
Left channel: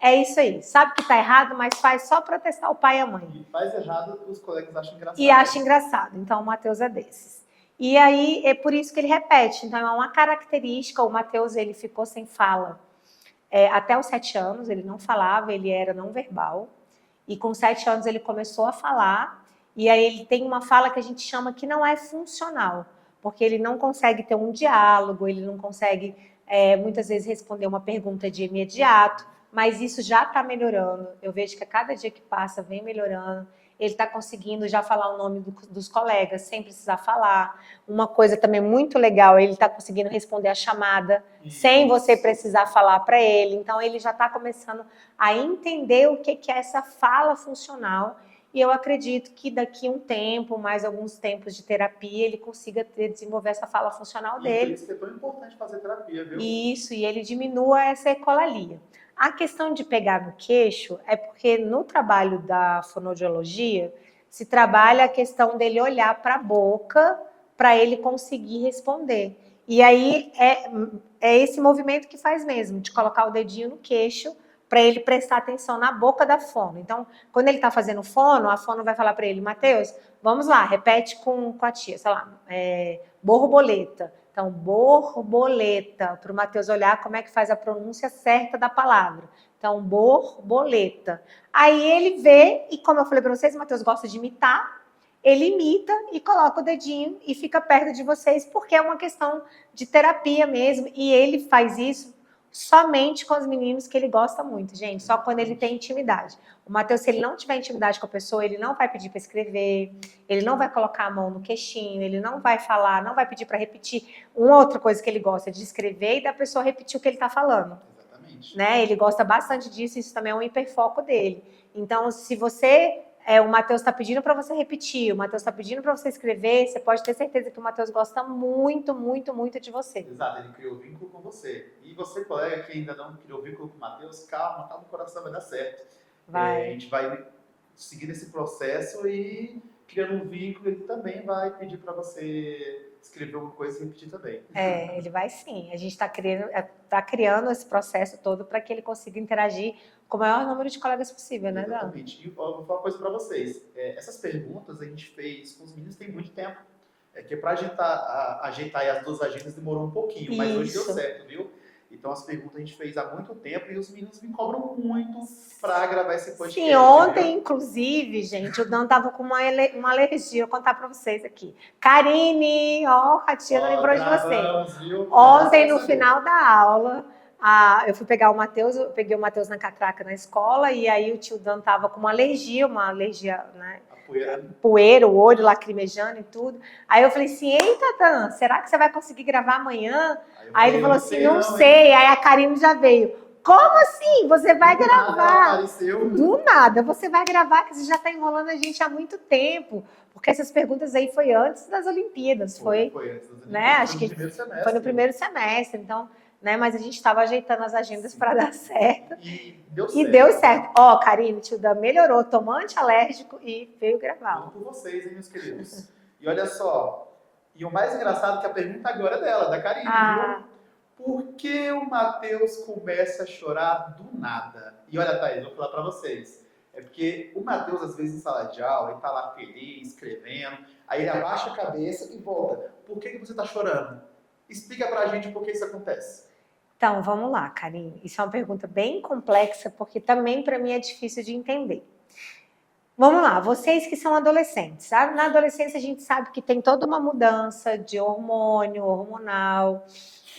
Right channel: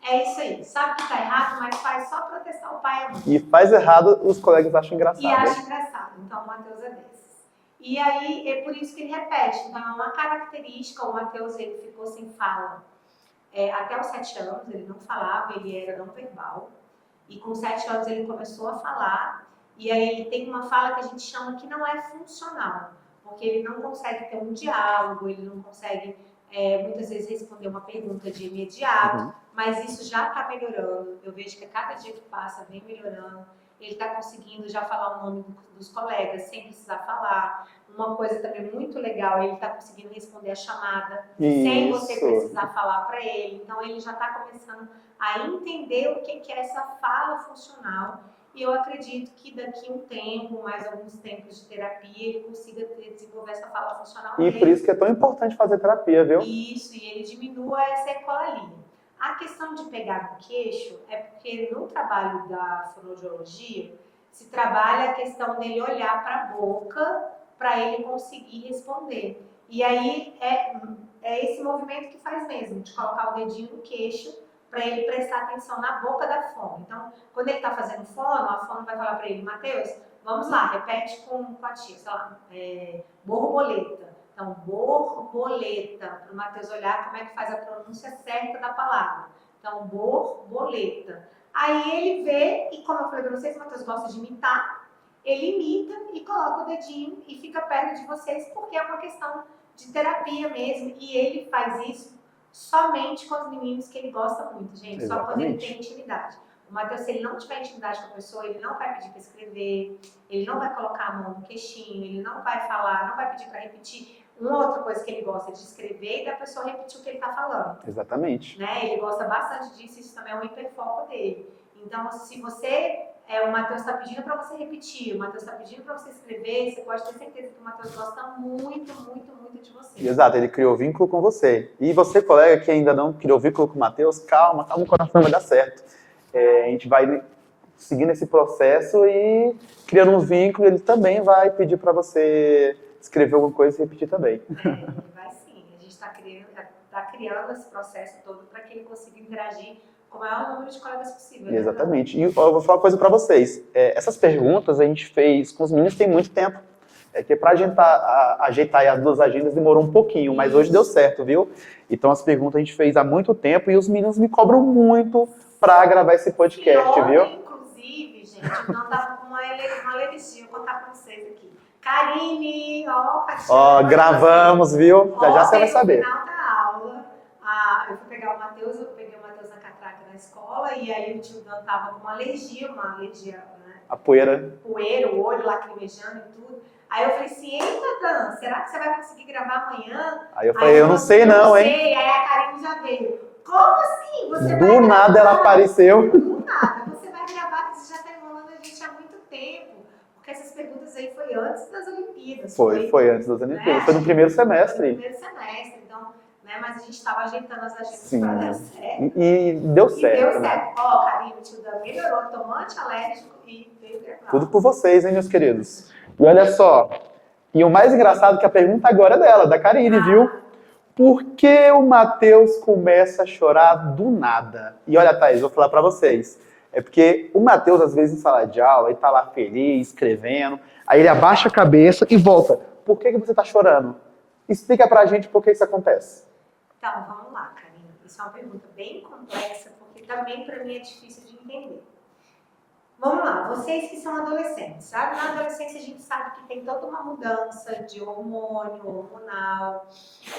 É isso aí. Sabe que tá errado, mas faz só para testar o pai e a mãe. E faz errado, os colegas acham engraçado. E acha engraçado. Então o Matheus é desses. E aí é por isso que ele repete. Então é uma característica. O Matheus, ele ficou sem fala até os 7 anos. Ele não falava, ele era não verbal. E com 7 anos ele começou a falar. E aí ele tem uma fala que a gente chama que não é funcional, porque ele não consegue ter um diálogo, ele não consegue muitas vezes responder uma pergunta de imediato, mas isso já está melhorando. Eu vejo que a cada dia que passa vem melhorando. Ele está conseguindo já falar o nome dos colegas sem precisar falar. Uma coisa também muito legal, ele está conseguindo responder a chamada sem você precisar falar para ele. Então, ele já está começando a entender o que é essa fala funcional. E eu acredito que daqui a um tempo, mais alguns tempos de terapia, ele consiga desenvolver essa fala funcional dele. E por isso que é tão importante fazer terapia, viu? Isso, e ele diminua essa ecolalia. A questão de pegar no queixo é porque no trabalho da fonoaudiologia se trabalha a questão dele olhar para a boca para ele conseguir responder. E aí é esse movimento que faz mesmo, de colocar o dedinho no queixo para ele prestar atenção na boca da fono. Então, quando ele está fazendo fono, a fono vai falar para ele, Matheus, vamos lá, repete com a tia, sei lá, borboleta. Então, borboleta, para o Matheus olhar como é que faz a pronúncia certa da palavra. Então, borboleta. Aí ele vê, e como eu falei para vocês, o Matheus gosta de imitar, ele imita e coloca o dedinho e fica perto de vocês, porque é uma questão de terapia mesmo, e ele faz isso somente com os meninos que ele gosta muito, gente. Só quando ele tem intimidade. O Matheus, se ele não tiver intimidade com a pessoa, ele não vai pedir para escrever, ele não vai colocar a mão no queixinho, ele não vai falar, não vai pedir para repetir. Uma outra coisa que ele gosta de escrever e da pessoa repetir o que ele está falando. Exatamente. Né? Ele gosta bastante disso, isso também é um hiperfoco dele. Então, se você... o Matheus está pedindo para você repetir, o Matheus está pedindo para você escrever, você pode ter certeza que o Matheus gosta muito, muito, muito de você. Exato, ele criou vínculo com você. E você, colega, que ainda não criou vínculo com o Matheus, calma, o coração vai dar certo. A gente vai seguindo esse processo e criando um vínculo, ele também vai pedir para você escrever alguma coisa e repetir também. Ele vai sim. A gente está criando esse processo todo para que ele consiga interagir com o maior número de colegas possível, né? Exatamente. E eu vou falar uma coisa para vocês. Essas perguntas a gente fez com os meninos tem muito tempo. Que para ajeitar as 2 agendas demorou um pouquinho, mas hoje deu certo, viu? Então as perguntas a gente fez há muito tempo e os meninos me cobram muito para gravar esse podcast, ontem, viu? Inclusive, gente, o Dan tava com uma alergia, vou contar para vocês aqui. Karine, a tia gravamos, viu? Ontem, no final da aula, eu fui pegar o Matheus, eu peguei o Matheus na catraca na escola, e aí o tio Dan tava com uma alergia, né? A poeira. Poeira, o olho lacrimejando e tudo. Aí eu falei assim, eita, Dan, será que você vai conseguir gravar amanhã? Aí eu falei, eu não sei não, hein? Não sei, aí a Karine já veio. Como assim? Você vai gravar? Do nada ela apareceu. Do nada, você vai gravar, que você já está enrolando a gente há muito tempo. Porque essas perguntas aí foi antes das Olimpíadas. Foi antes das Olimpíadas, né? Foi no primeiro semestre. Foi no primeiro semestre, então, né? Mas a gente estava ajeitando as agendas para dar certo. E deu certo. E deu certo. Ó, Karine, tio Dan melhorou, tomou antialérgico e veio gravar. Tudo por vocês, hein, meus queridos? E olha só, e o mais engraçado é que a pergunta agora é dela, da Karine, viu? Por que o Matheus começa a chorar do nada? E olha, Thaís, vou falar pra vocês. É porque o Matheus, às vezes, em sala de aula, ele tá lá feliz, escrevendo, aí ele abaixa a cabeça e volta. Por que você tá chorando? Explica pra gente por que isso acontece. Então, vamos lá, Karine. Isso é uma pergunta bem complexa, porque também para mim é difícil de entender. Vamos lá, vocês que são adolescentes, sabe? Na adolescência a gente sabe que tem toda uma mudança de hormonal,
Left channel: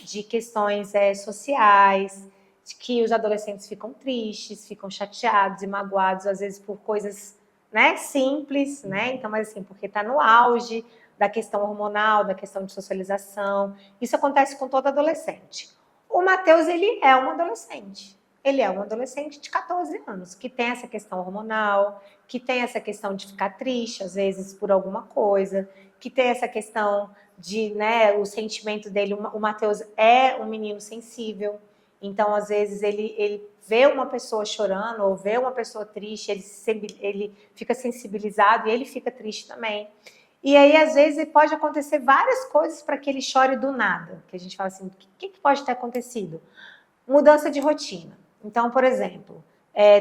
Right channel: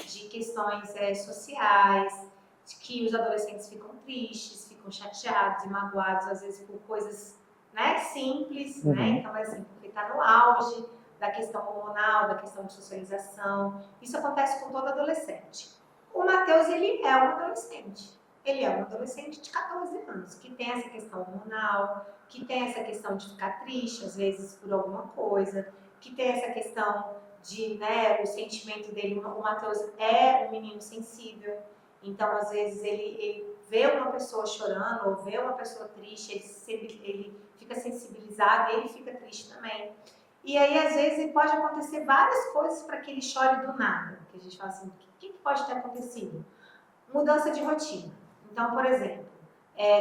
de questões sociais, de que os adolescentes ficam tristes, ficam chateados e magoados, às vezes por coisas, né, simples, né? Então, mas assim, porque está no auge da questão hormonal, da questão de socialização. Isso acontece com todo adolescente. O Matheus, ele é um adolescente. Ele é um adolescente de 14 anos, que tem essa questão hormonal, que tem essa questão de ficar triste, às vezes, por alguma coisa, que tem essa questão de, né, o sentimento dele. O Matheus é um menino sensível, então, às vezes, ele vê uma pessoa chorando ou vê uma pessoa triste, ele fica sensibilizado e ele fica triste também. E aí, às vezes, pode acontecer várias coisas para que ele chore do nada. Que a gente fala assim, o que pode ter acontecido? Mudança de rotina. Então, por exemplo,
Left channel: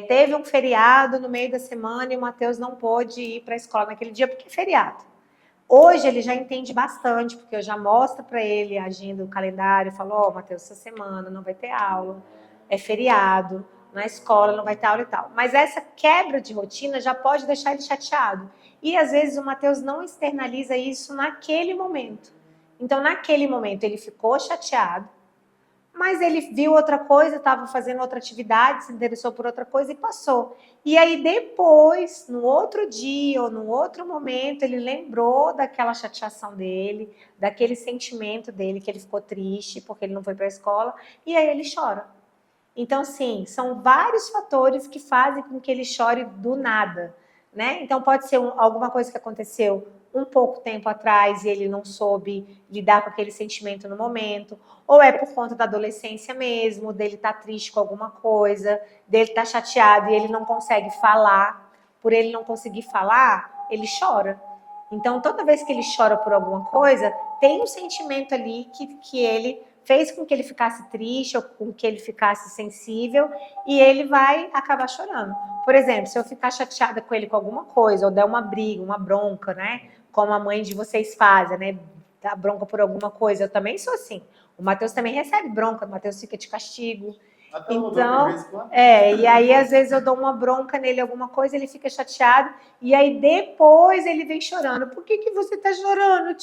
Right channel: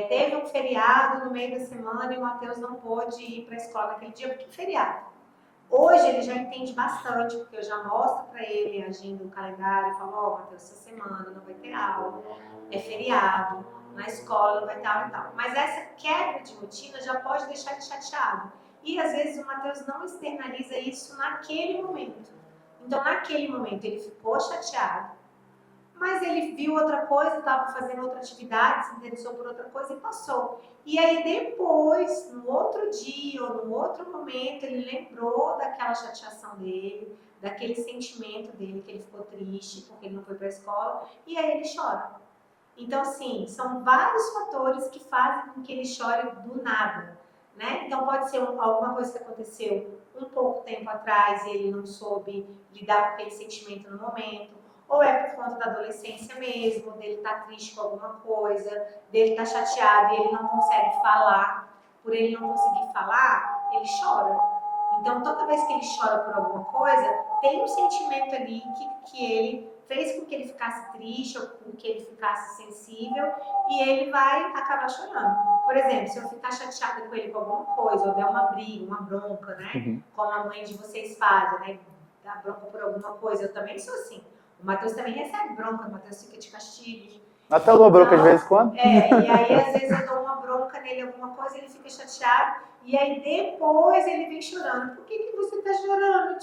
teve um feriado no meio da semana e o Matheus não pôde ir para a escola naquele dia porque é feriado. Hoje ele já entende bastante, porque eu já mostro para ele a agenda, o calendário, falo, ó, Matheus, essa semana não vai ter aula, é feriado, na escola não vai ter aula e tal. Mas essa quebra de rotina já pode deixar ele chateado. E às vezes o Matheus não externaliza isso naquele momento. Então, naquele momento, ele ficou chateado, mas ele viu outra coisa, estava fazendo outra atividade, se interessou por outra coisa e passou. E aí depois, no outro dia ou no outro momento, ele lembrou daquela chateação dele, daquele sentimento dele, que ele ficou triste porque ele não foi para a escola, e aí ele chora. Então, sim, são vários fatores que fazem com que ele chore do nada, né? Então, pode ser alguma coisa que aconteceu um pouco tempo atrás e ele não soube lidar com aquele sentimento no momento, ou é por conta da adolescência mesmo, dele estar triste com alguma coisa, dele estar chateado e ele não consegue falar. Por ele não conseguir falar, ele chora. Então, toda vez que ele chora por alguma coisa, tem um sentimento ali que ele fez com que ele ficasse triste ou com que ele ficasse sensível e ele vai acabar chorando. Por exemplo, se eu ficar chateada com ele com alguma coisa, ou der uma briga, uma bronca, né? Como a mãe de vocês fazem, né? Dá bronca por alguma coisa, eu também sou assim. O Matheus também recebe bronca, o Matheus fica de castigo. Até eu dou bronca de vez em quando. E aí às vezes eu dou uma bronca nele, alguma coisa, ele fica chateado, e aí depois ele vem chorando. Por que você tá chorando?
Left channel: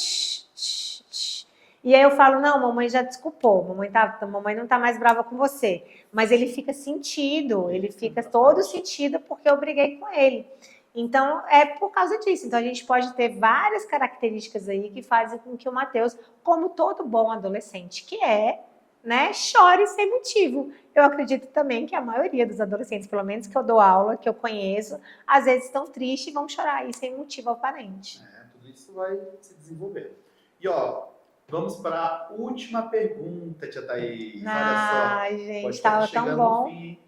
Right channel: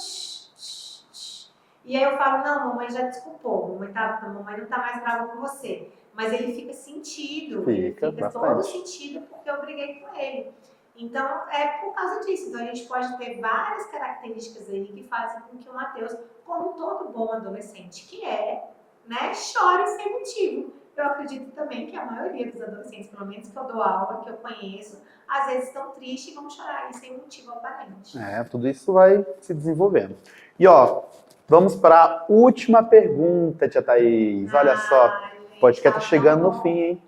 E aí eu falo, não, mamãe já desculpou, mamãe não tá mais brava com você. Mas ele fica sentido, ele fica todo sentido porque eu briguei com ele. Então, é por causa disso. Então, a gente pode ter várias características aí que fazem com que o Matheus, como todo bom adolescente que é, né, chore sem motivo. Eu acredito também que a maioria dos adolescentes, pelo menos que eu dou aula, que eu conheço, às vezes estão tristes e vão chorar aí sem motivo aparente. Tudo isso vai se desenvolvendo. E, ó, vamos para a última pergunta, tia Thaís. Olha só, gente, podcast tá chegando no fim, hein?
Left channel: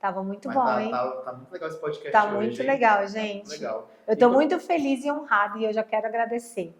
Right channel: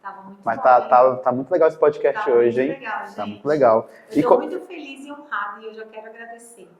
Tava muito Mas bom, tá muito legal esse podcast hoje, hein? Tá muito legal, gente. Tá muito legal. Eu tô muito feliz e honrada e eu já quero agradecer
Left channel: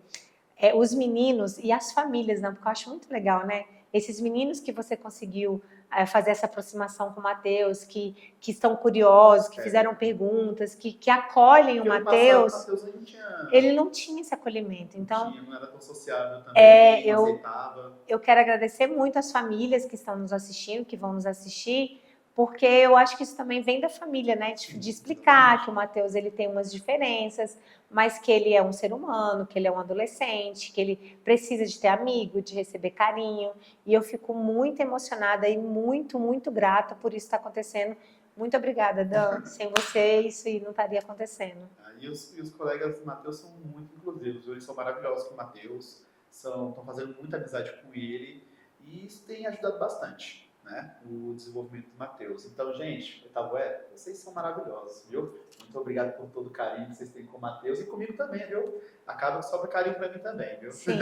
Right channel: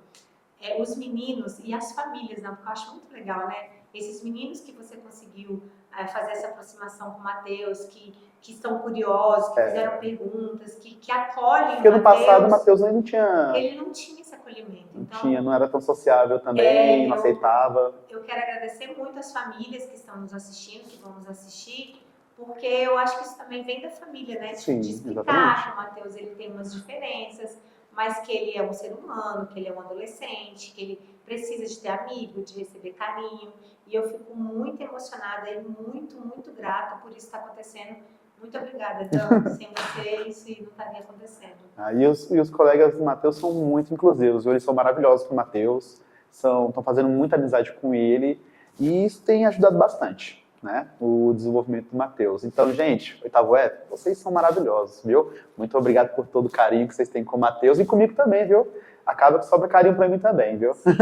os meninos e as famílias, né? Porque eu acho muito legal, né? Esses meninos que você conseguiu fazer essa aproximação com o Matheus, que estão curiosos, que fizeram perguntas, que acolhem o Matheus. Porque no passado o Matheus não tinha... Ele não tinha esse acolhimento. Então, não era tão sociável também, não aceitava. Eu quero agradecer muito as famílias que estão nos assistindo, que vão nos assistir, porque eu acho que isso também vem da família, né? De explicar exatamente. Que o Matheus ele tem umas diferenças, mas que ele é um ser humano, que ele é um adolescente, que ele precisa de ter amigo, de receber carinho. E eu fico muito emocionada e muito, muito grata por isso estar acontecendo. Muito obrigada, Dan. Sem você, isso não estaria acontecendo. E os colegas do Matheus são muito inclusivos. Eles são maravilhosos com o Matheus, estão fazendo muita amizade com ele. E isso tem ajudado bastante, né, o desenvolvimento do Matheus. Então, gente, oitavo vocês são maravilhosos, viu? Muito obrigado por todo o carinho que vocês têm com o Matheus e comigo também, viu? Acaba que sobra carinho pra mim também, viu? Sim,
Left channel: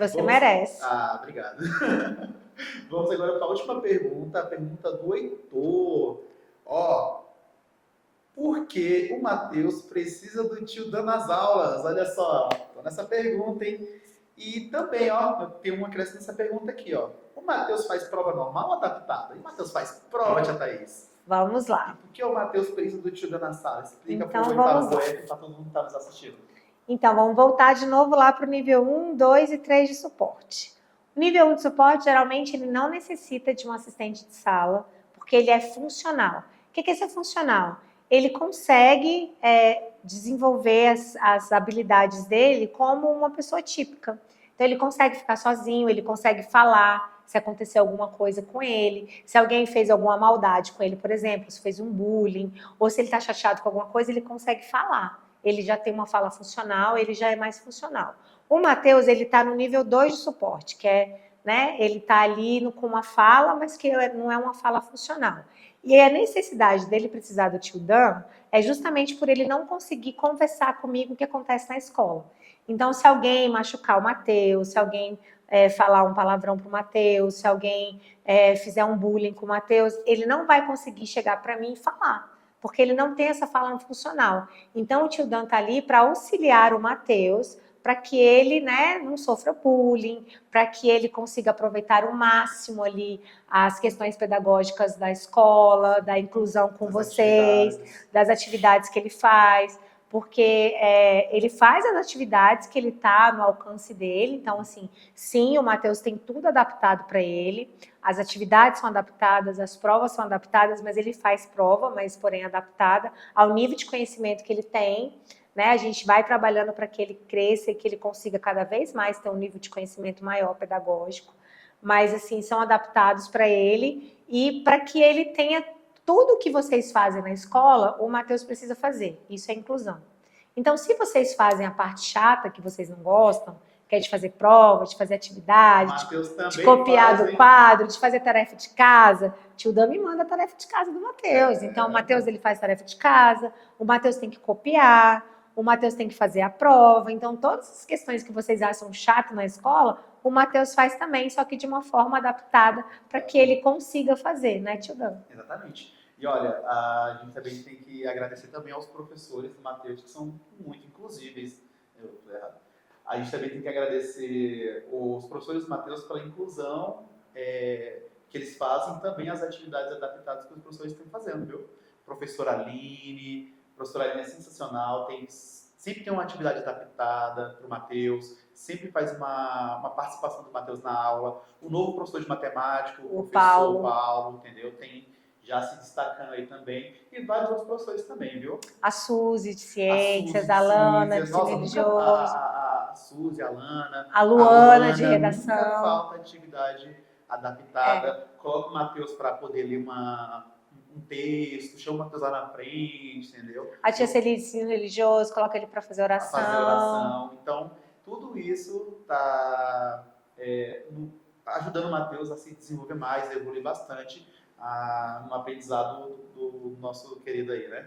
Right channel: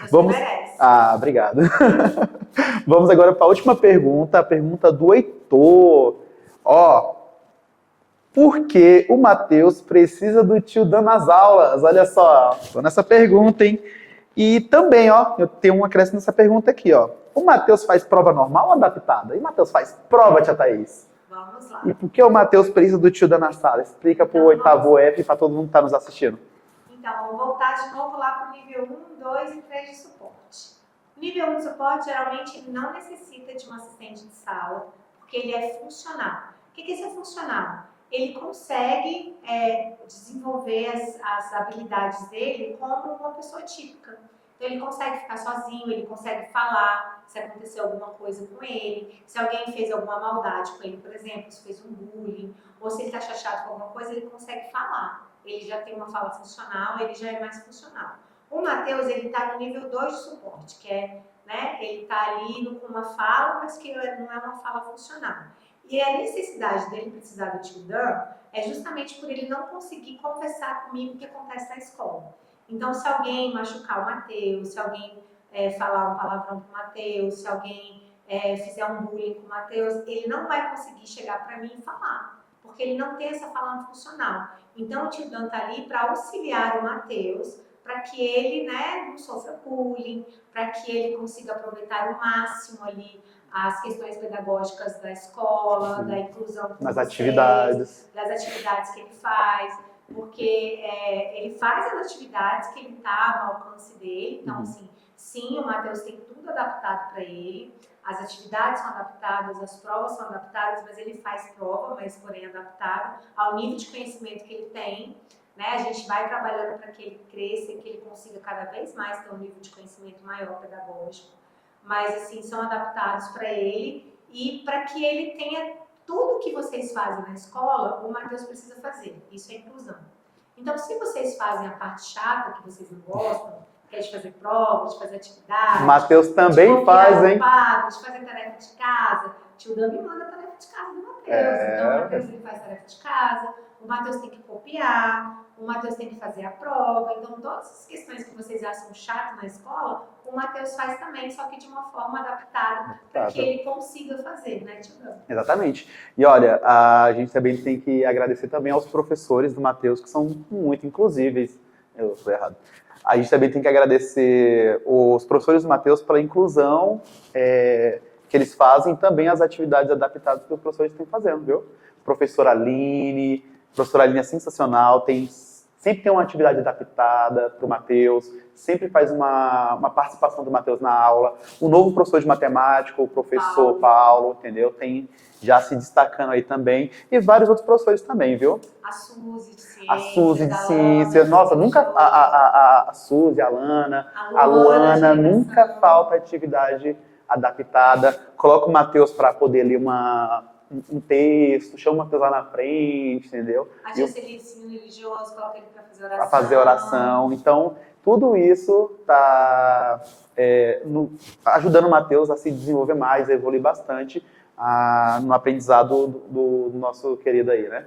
você merece. Obrigado. Vamos agora para a última pergunta, a pergunta do Heitor. Por que o Matheus precisa do tio Dan nas aulas? Olha só, tô nessa pergunta, hein? E também, eu tenho um acréscimo nessa pergunta aqui, O Matheus faz prova normal ou adaptada? E o Matheus faz prova, tia Thaís? Vamos lá. E por que o Matheus precisa do tio Dan na sala? Explica pro oitavo e para todo mundo que está nos assistindo. Então, vamos voltar de novo lá para o nível 1, 2 e 3 de suporte. O nível 1 de suporte, geralmente, ele não necessita de um assistente de sala, porque ele é funcional. O que é ser funcional? Ele consegue desenvolver as habilidades dele como uma pessoa típica. Então, ele consegue ficar sozinho, ele consegue falar se acontecer alguma coisa com ele, se alguém fez alguma maldade com ele, por exemplo, se fez um bullying, ou se ele está chateado com alguma coisa, ele consegue falar. Ele já tem uma fala funcional, ele já é mais funcional. O Matheus, ele está no nível 2 de suporte, que é, né, ele está ali com uma fala, mas que não é uma fala funcional. E a necessidade dele precisar do tio Dan é justamente por ele não conseguir conversar comigo o que acontece na escola. Então, se alguém machucar o Matheus, se alguém falar um palavrão pro Matheus, se alguém fizer um bullying com o Matheus, ele não vai conseguir chegar para mim e falar, porque ele não tem essa fala funcional. Então, o tio Dan tá ali para auxiliar o Matheus, para que ele, né, não sofra bullying, para que ele consiga aproveitar o máximo ali as questões pedagógicas da escola, da inclusão com vocês, das atividades que ele faz, porque ele faz as atividades que ele está no alcance dele. Então, assim, sim, o Matheus tem tudo adaptado para ele, as atividades são adaptadas, as provas são adaptadas, mas ele faz prova, mas porém adaptada ao nível de conhecimento que ele tem. Né? A gente vai trabalhando para que ele cresça e que ele consiga cada vez mais ter um nível de conhecimento maior pedagógico, mas assim, são adaptados para ele e para que ele tenha tudo o que vocês fazem na escola, o Matheus precisa fazer. Isso é inclusão. Então, se vocês fazem a parte chata que vocês não gostam, que é de fazer prova, de fazer atividade, o Matheus também de copiar faz, hein? o quadro, de fazer tarefa de casa, o tio Dan me manda a tarefa de casa do Matheus. Então, o Matheus ele faz tarefa de casa, o Matheus tem que copiar, o Matheus tem que fazer a prova. Então, todas as questões que vocês acham chato na escola, o Matheus faz também, só que de uma forma adaptada para que ele consiga fazer, né, tio Dan? Exatamente. E olha, a gente também tem que agradecer também aos professores do Matheus, que são muito inclusíveis. Eu estou errado. A gente também tem que agradecer os professores do Matheus pela inclusão que eles fazem, também as atividades adaptadas que os professores estão fazendo, viu? Professora Aline é sensacional, sempre tem uma atividade adaptada para o Matheus, sempre faz uma participação do Matheus na aula. O novo professor de matemática, o professor Paulo, entendeu? Tem já se destacando aí também. E vários outros professores também, viu? A Suzy de Ciências, a Suzy de a Ciências. Lana, Nossa, nunca a Suzy, a Lana, a Luana de redação. Nunca falta atividade adaptada. Coloca o Matheus para poder ler um texto, chama o Matheus lá na frente, entendeu? A tia Celia de ensino religioso, coloca ele para fazer oração. Para fazer oração. Então, tudo isso está ajudando o Matheus a se desenvolver mais, a evoluir bastante no aprendizado do nosso querido aí, né?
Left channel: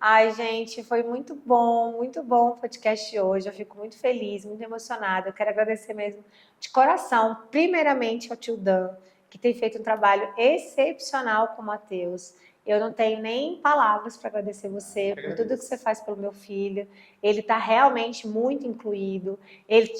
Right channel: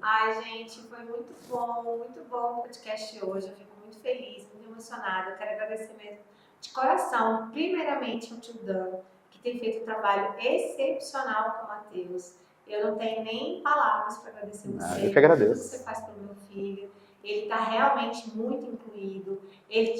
Ai, gente, foi muito bom o podcast de hoje. Eu fico muito feliz, muito emocionada. Eu quero agradecer mesmo de coração, primeiramente ao tio Dan, que tem feito um trabalho excepcional com o Matheus. Eu não tenho nem palavras para agradecer você por tudo que você faz pelo meu filho. Ele está realmente muito incluído.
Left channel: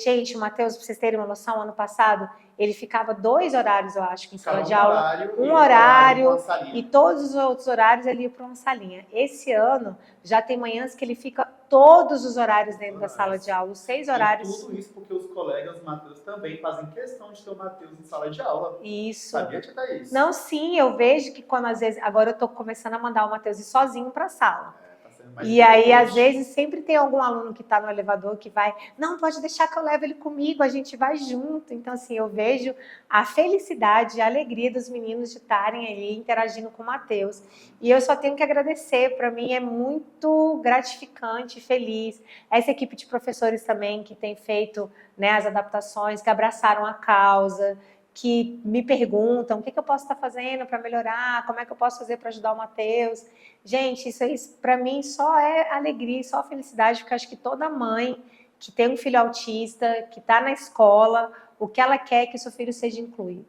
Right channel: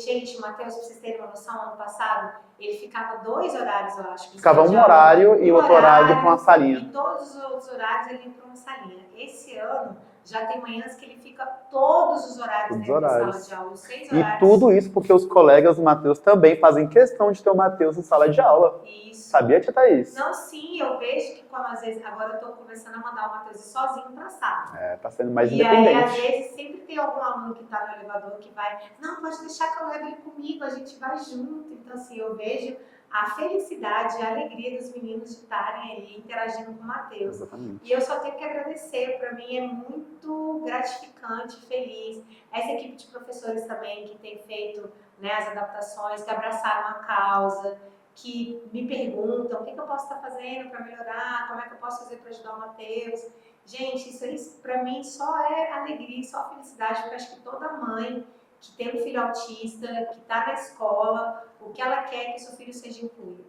Gente, o Matheus, para vocês terem uma noção, ano passado, ele ficava 2 horários, eu acho. Ficava um horário e outro horário para uma salinha. E todos os outros horários ele ia para uma salinha. Esse ano, já tem manhãs que ele fica todos os horários dentro da sala de aula, os 6 horários. E tudo isso porque os colegas do Matheus também fazem questão de ter o Matheus em sala de aula. Isso. Sabia, tia Thaís? Não, sim, eu vejo que quando às vezes... Agora eu tô começando a mandar o Matheus ir sozinho pra sala. Tá sendo mais independente. E aí, às vezes, sempre tem algum aluno que tá no elevador que vai... Não, pode deixar que eu levo ele comigo, a gente vai junto. Então, assim, eu vejo a felicidade, a alegria dos meninos de estarem ali interagindo com o Matheus. Exatamente. E eu só tenho que agradecer, para mim é muito gratificante, feliz. Essa equipe de professores também que tem feito, né, as adaptações, que abraçaram a causa, que me perguntam o que eu posso estar fazendo para melhorar, como é que eu posso fazer para ajudar o Matheus. Gente, isso para mim só é alegria, só felicidade, porque eu acho que toda mãe que tem um filho autista, que está na escola, o que ela quer é que o seu filho seja incluído,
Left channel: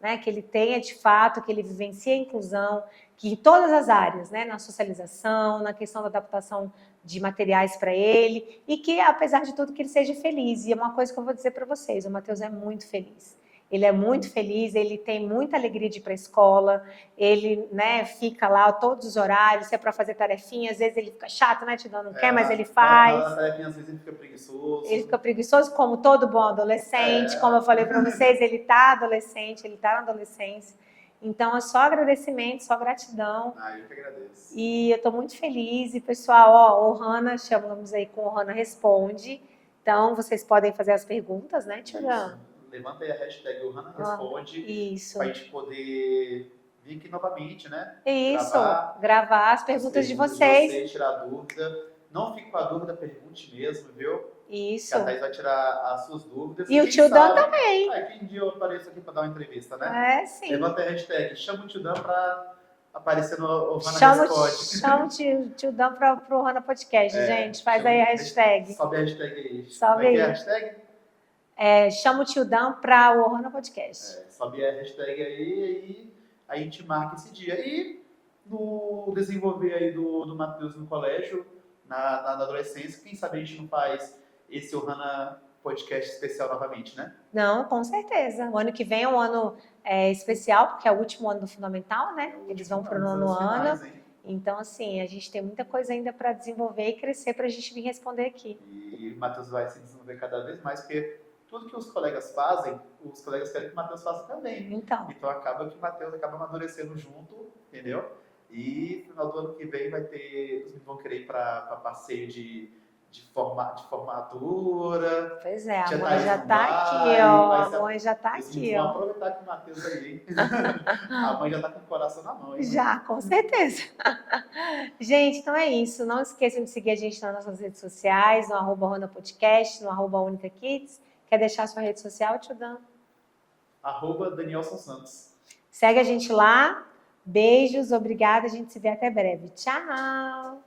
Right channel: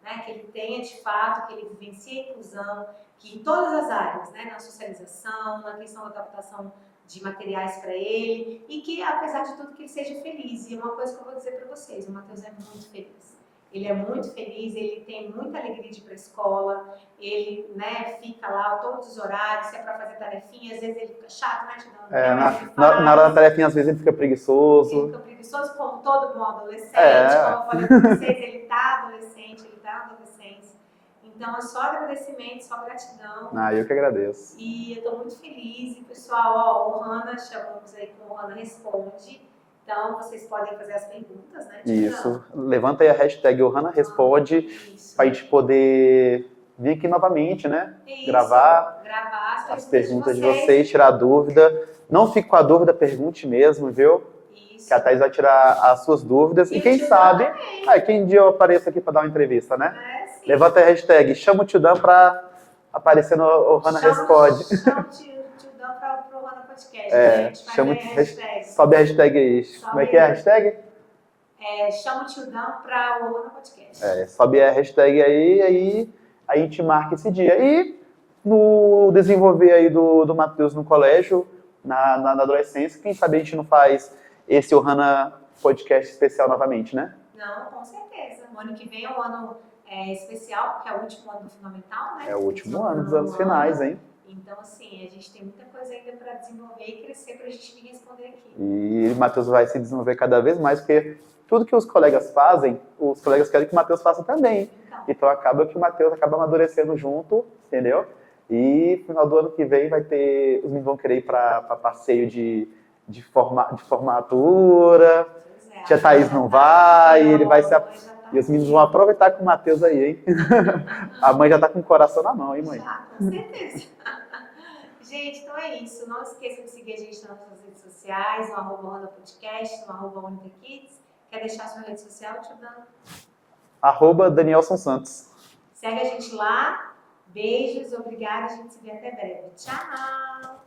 né? Que ele tenha de fato, que ele vivencie a inclusão, que em todas as áreas, né? Na socialização, na questão da adaptação de materiais para ele, e que, apesar de tudo, que ele seja feliz. E é uma coisa que eu vou dizer para vocês, o Matheus é muito feliz. Ele é muito feliz, ele tem muita alegria de ir para a escola, ele, né, fica lá todos os horários, se é para fazer tarefinha, às vezes ele fica chato, né, não quer, mas ele faz. Na hora da tarefinha, às vezes ele fica preguiçoso. Ele fica preguiçoso, como todo bom adolescente, como eu falei para vocês, ele tá adolescente, ele tá na adolescência. Então, é só agradecimento, só gratidão. Eu que agradeço. E eu estou muito feliz. E, pessoal, o Ohana, chamamos aí com o Ohana Responde. Então, vocês podem fazer as perguntas, né, Tia? Isso. Levanta aí a hashtag Ohana Responde para a gente poder vir aqui novamente, né? Isso. Gravar as perguntas de vocês, tirar dúvida. Não fique com a dúvida, pergunte mesmo, viu? Isso. Que a Thaís vai tirar as suas dúvidas. E quem o tio sabe, Dan também. quem dia eu apareço aqui para dar uma entrevista, né? Sim. Levanta a hashtag, chama o tio Dan para aparecer no Ohana Chama Responde. chama o tio Dan pro Ohana Podcast, É, gente. Faz chama- aí a hashtag. Sobe a hashtag aí. Sobe Como é que é a aí. hashtag? Chama o tio Dan pra o Ohana Podcast. Sobe a hashtag aí a gente marca esse dia. E no desenvolver aí do Matheus no colégio, na adolescência, quem sabe a gente não faz esse Ohana Podcast especial novamente, né? Não, com certeza. O ano que vem é um ano especial, porque é o último ano do Fundamental, né? É o Eles último vão pro ano, dos nono anos finais, hein? Então, assim, a gente tem muita coisa ainda para desenvolver e crescer para a gente vir responder aqui. E o Matheus vai se desenvolver cada vez mais, porque tudo que os colegas fazem, os colegas querem que o Matheus faça também. Então acaba que o Matheus acaba amadurecendo junto, entendeu? E no final do ano que vem vai ter, os meninos vão querer ir para passeio de formatura. Pois é. Tia Thaís não vai, aqui, ele vai se... E os meninos vão aproveitar com o Matheus aí, hein? A mãe já tá com o coração na mão, hein, mãe? Já, com certeza. Gente, então é isso. Não esqueçam de seguir a gente nas nossas redes sociais, no @Ohana Podcast, no @UnicaKids. Quer deixar a sua rede social, tio Dan? @Danielson Santos. Segue a gente lá. Beijos, obrigada. A gente se vê até breve. Tchau!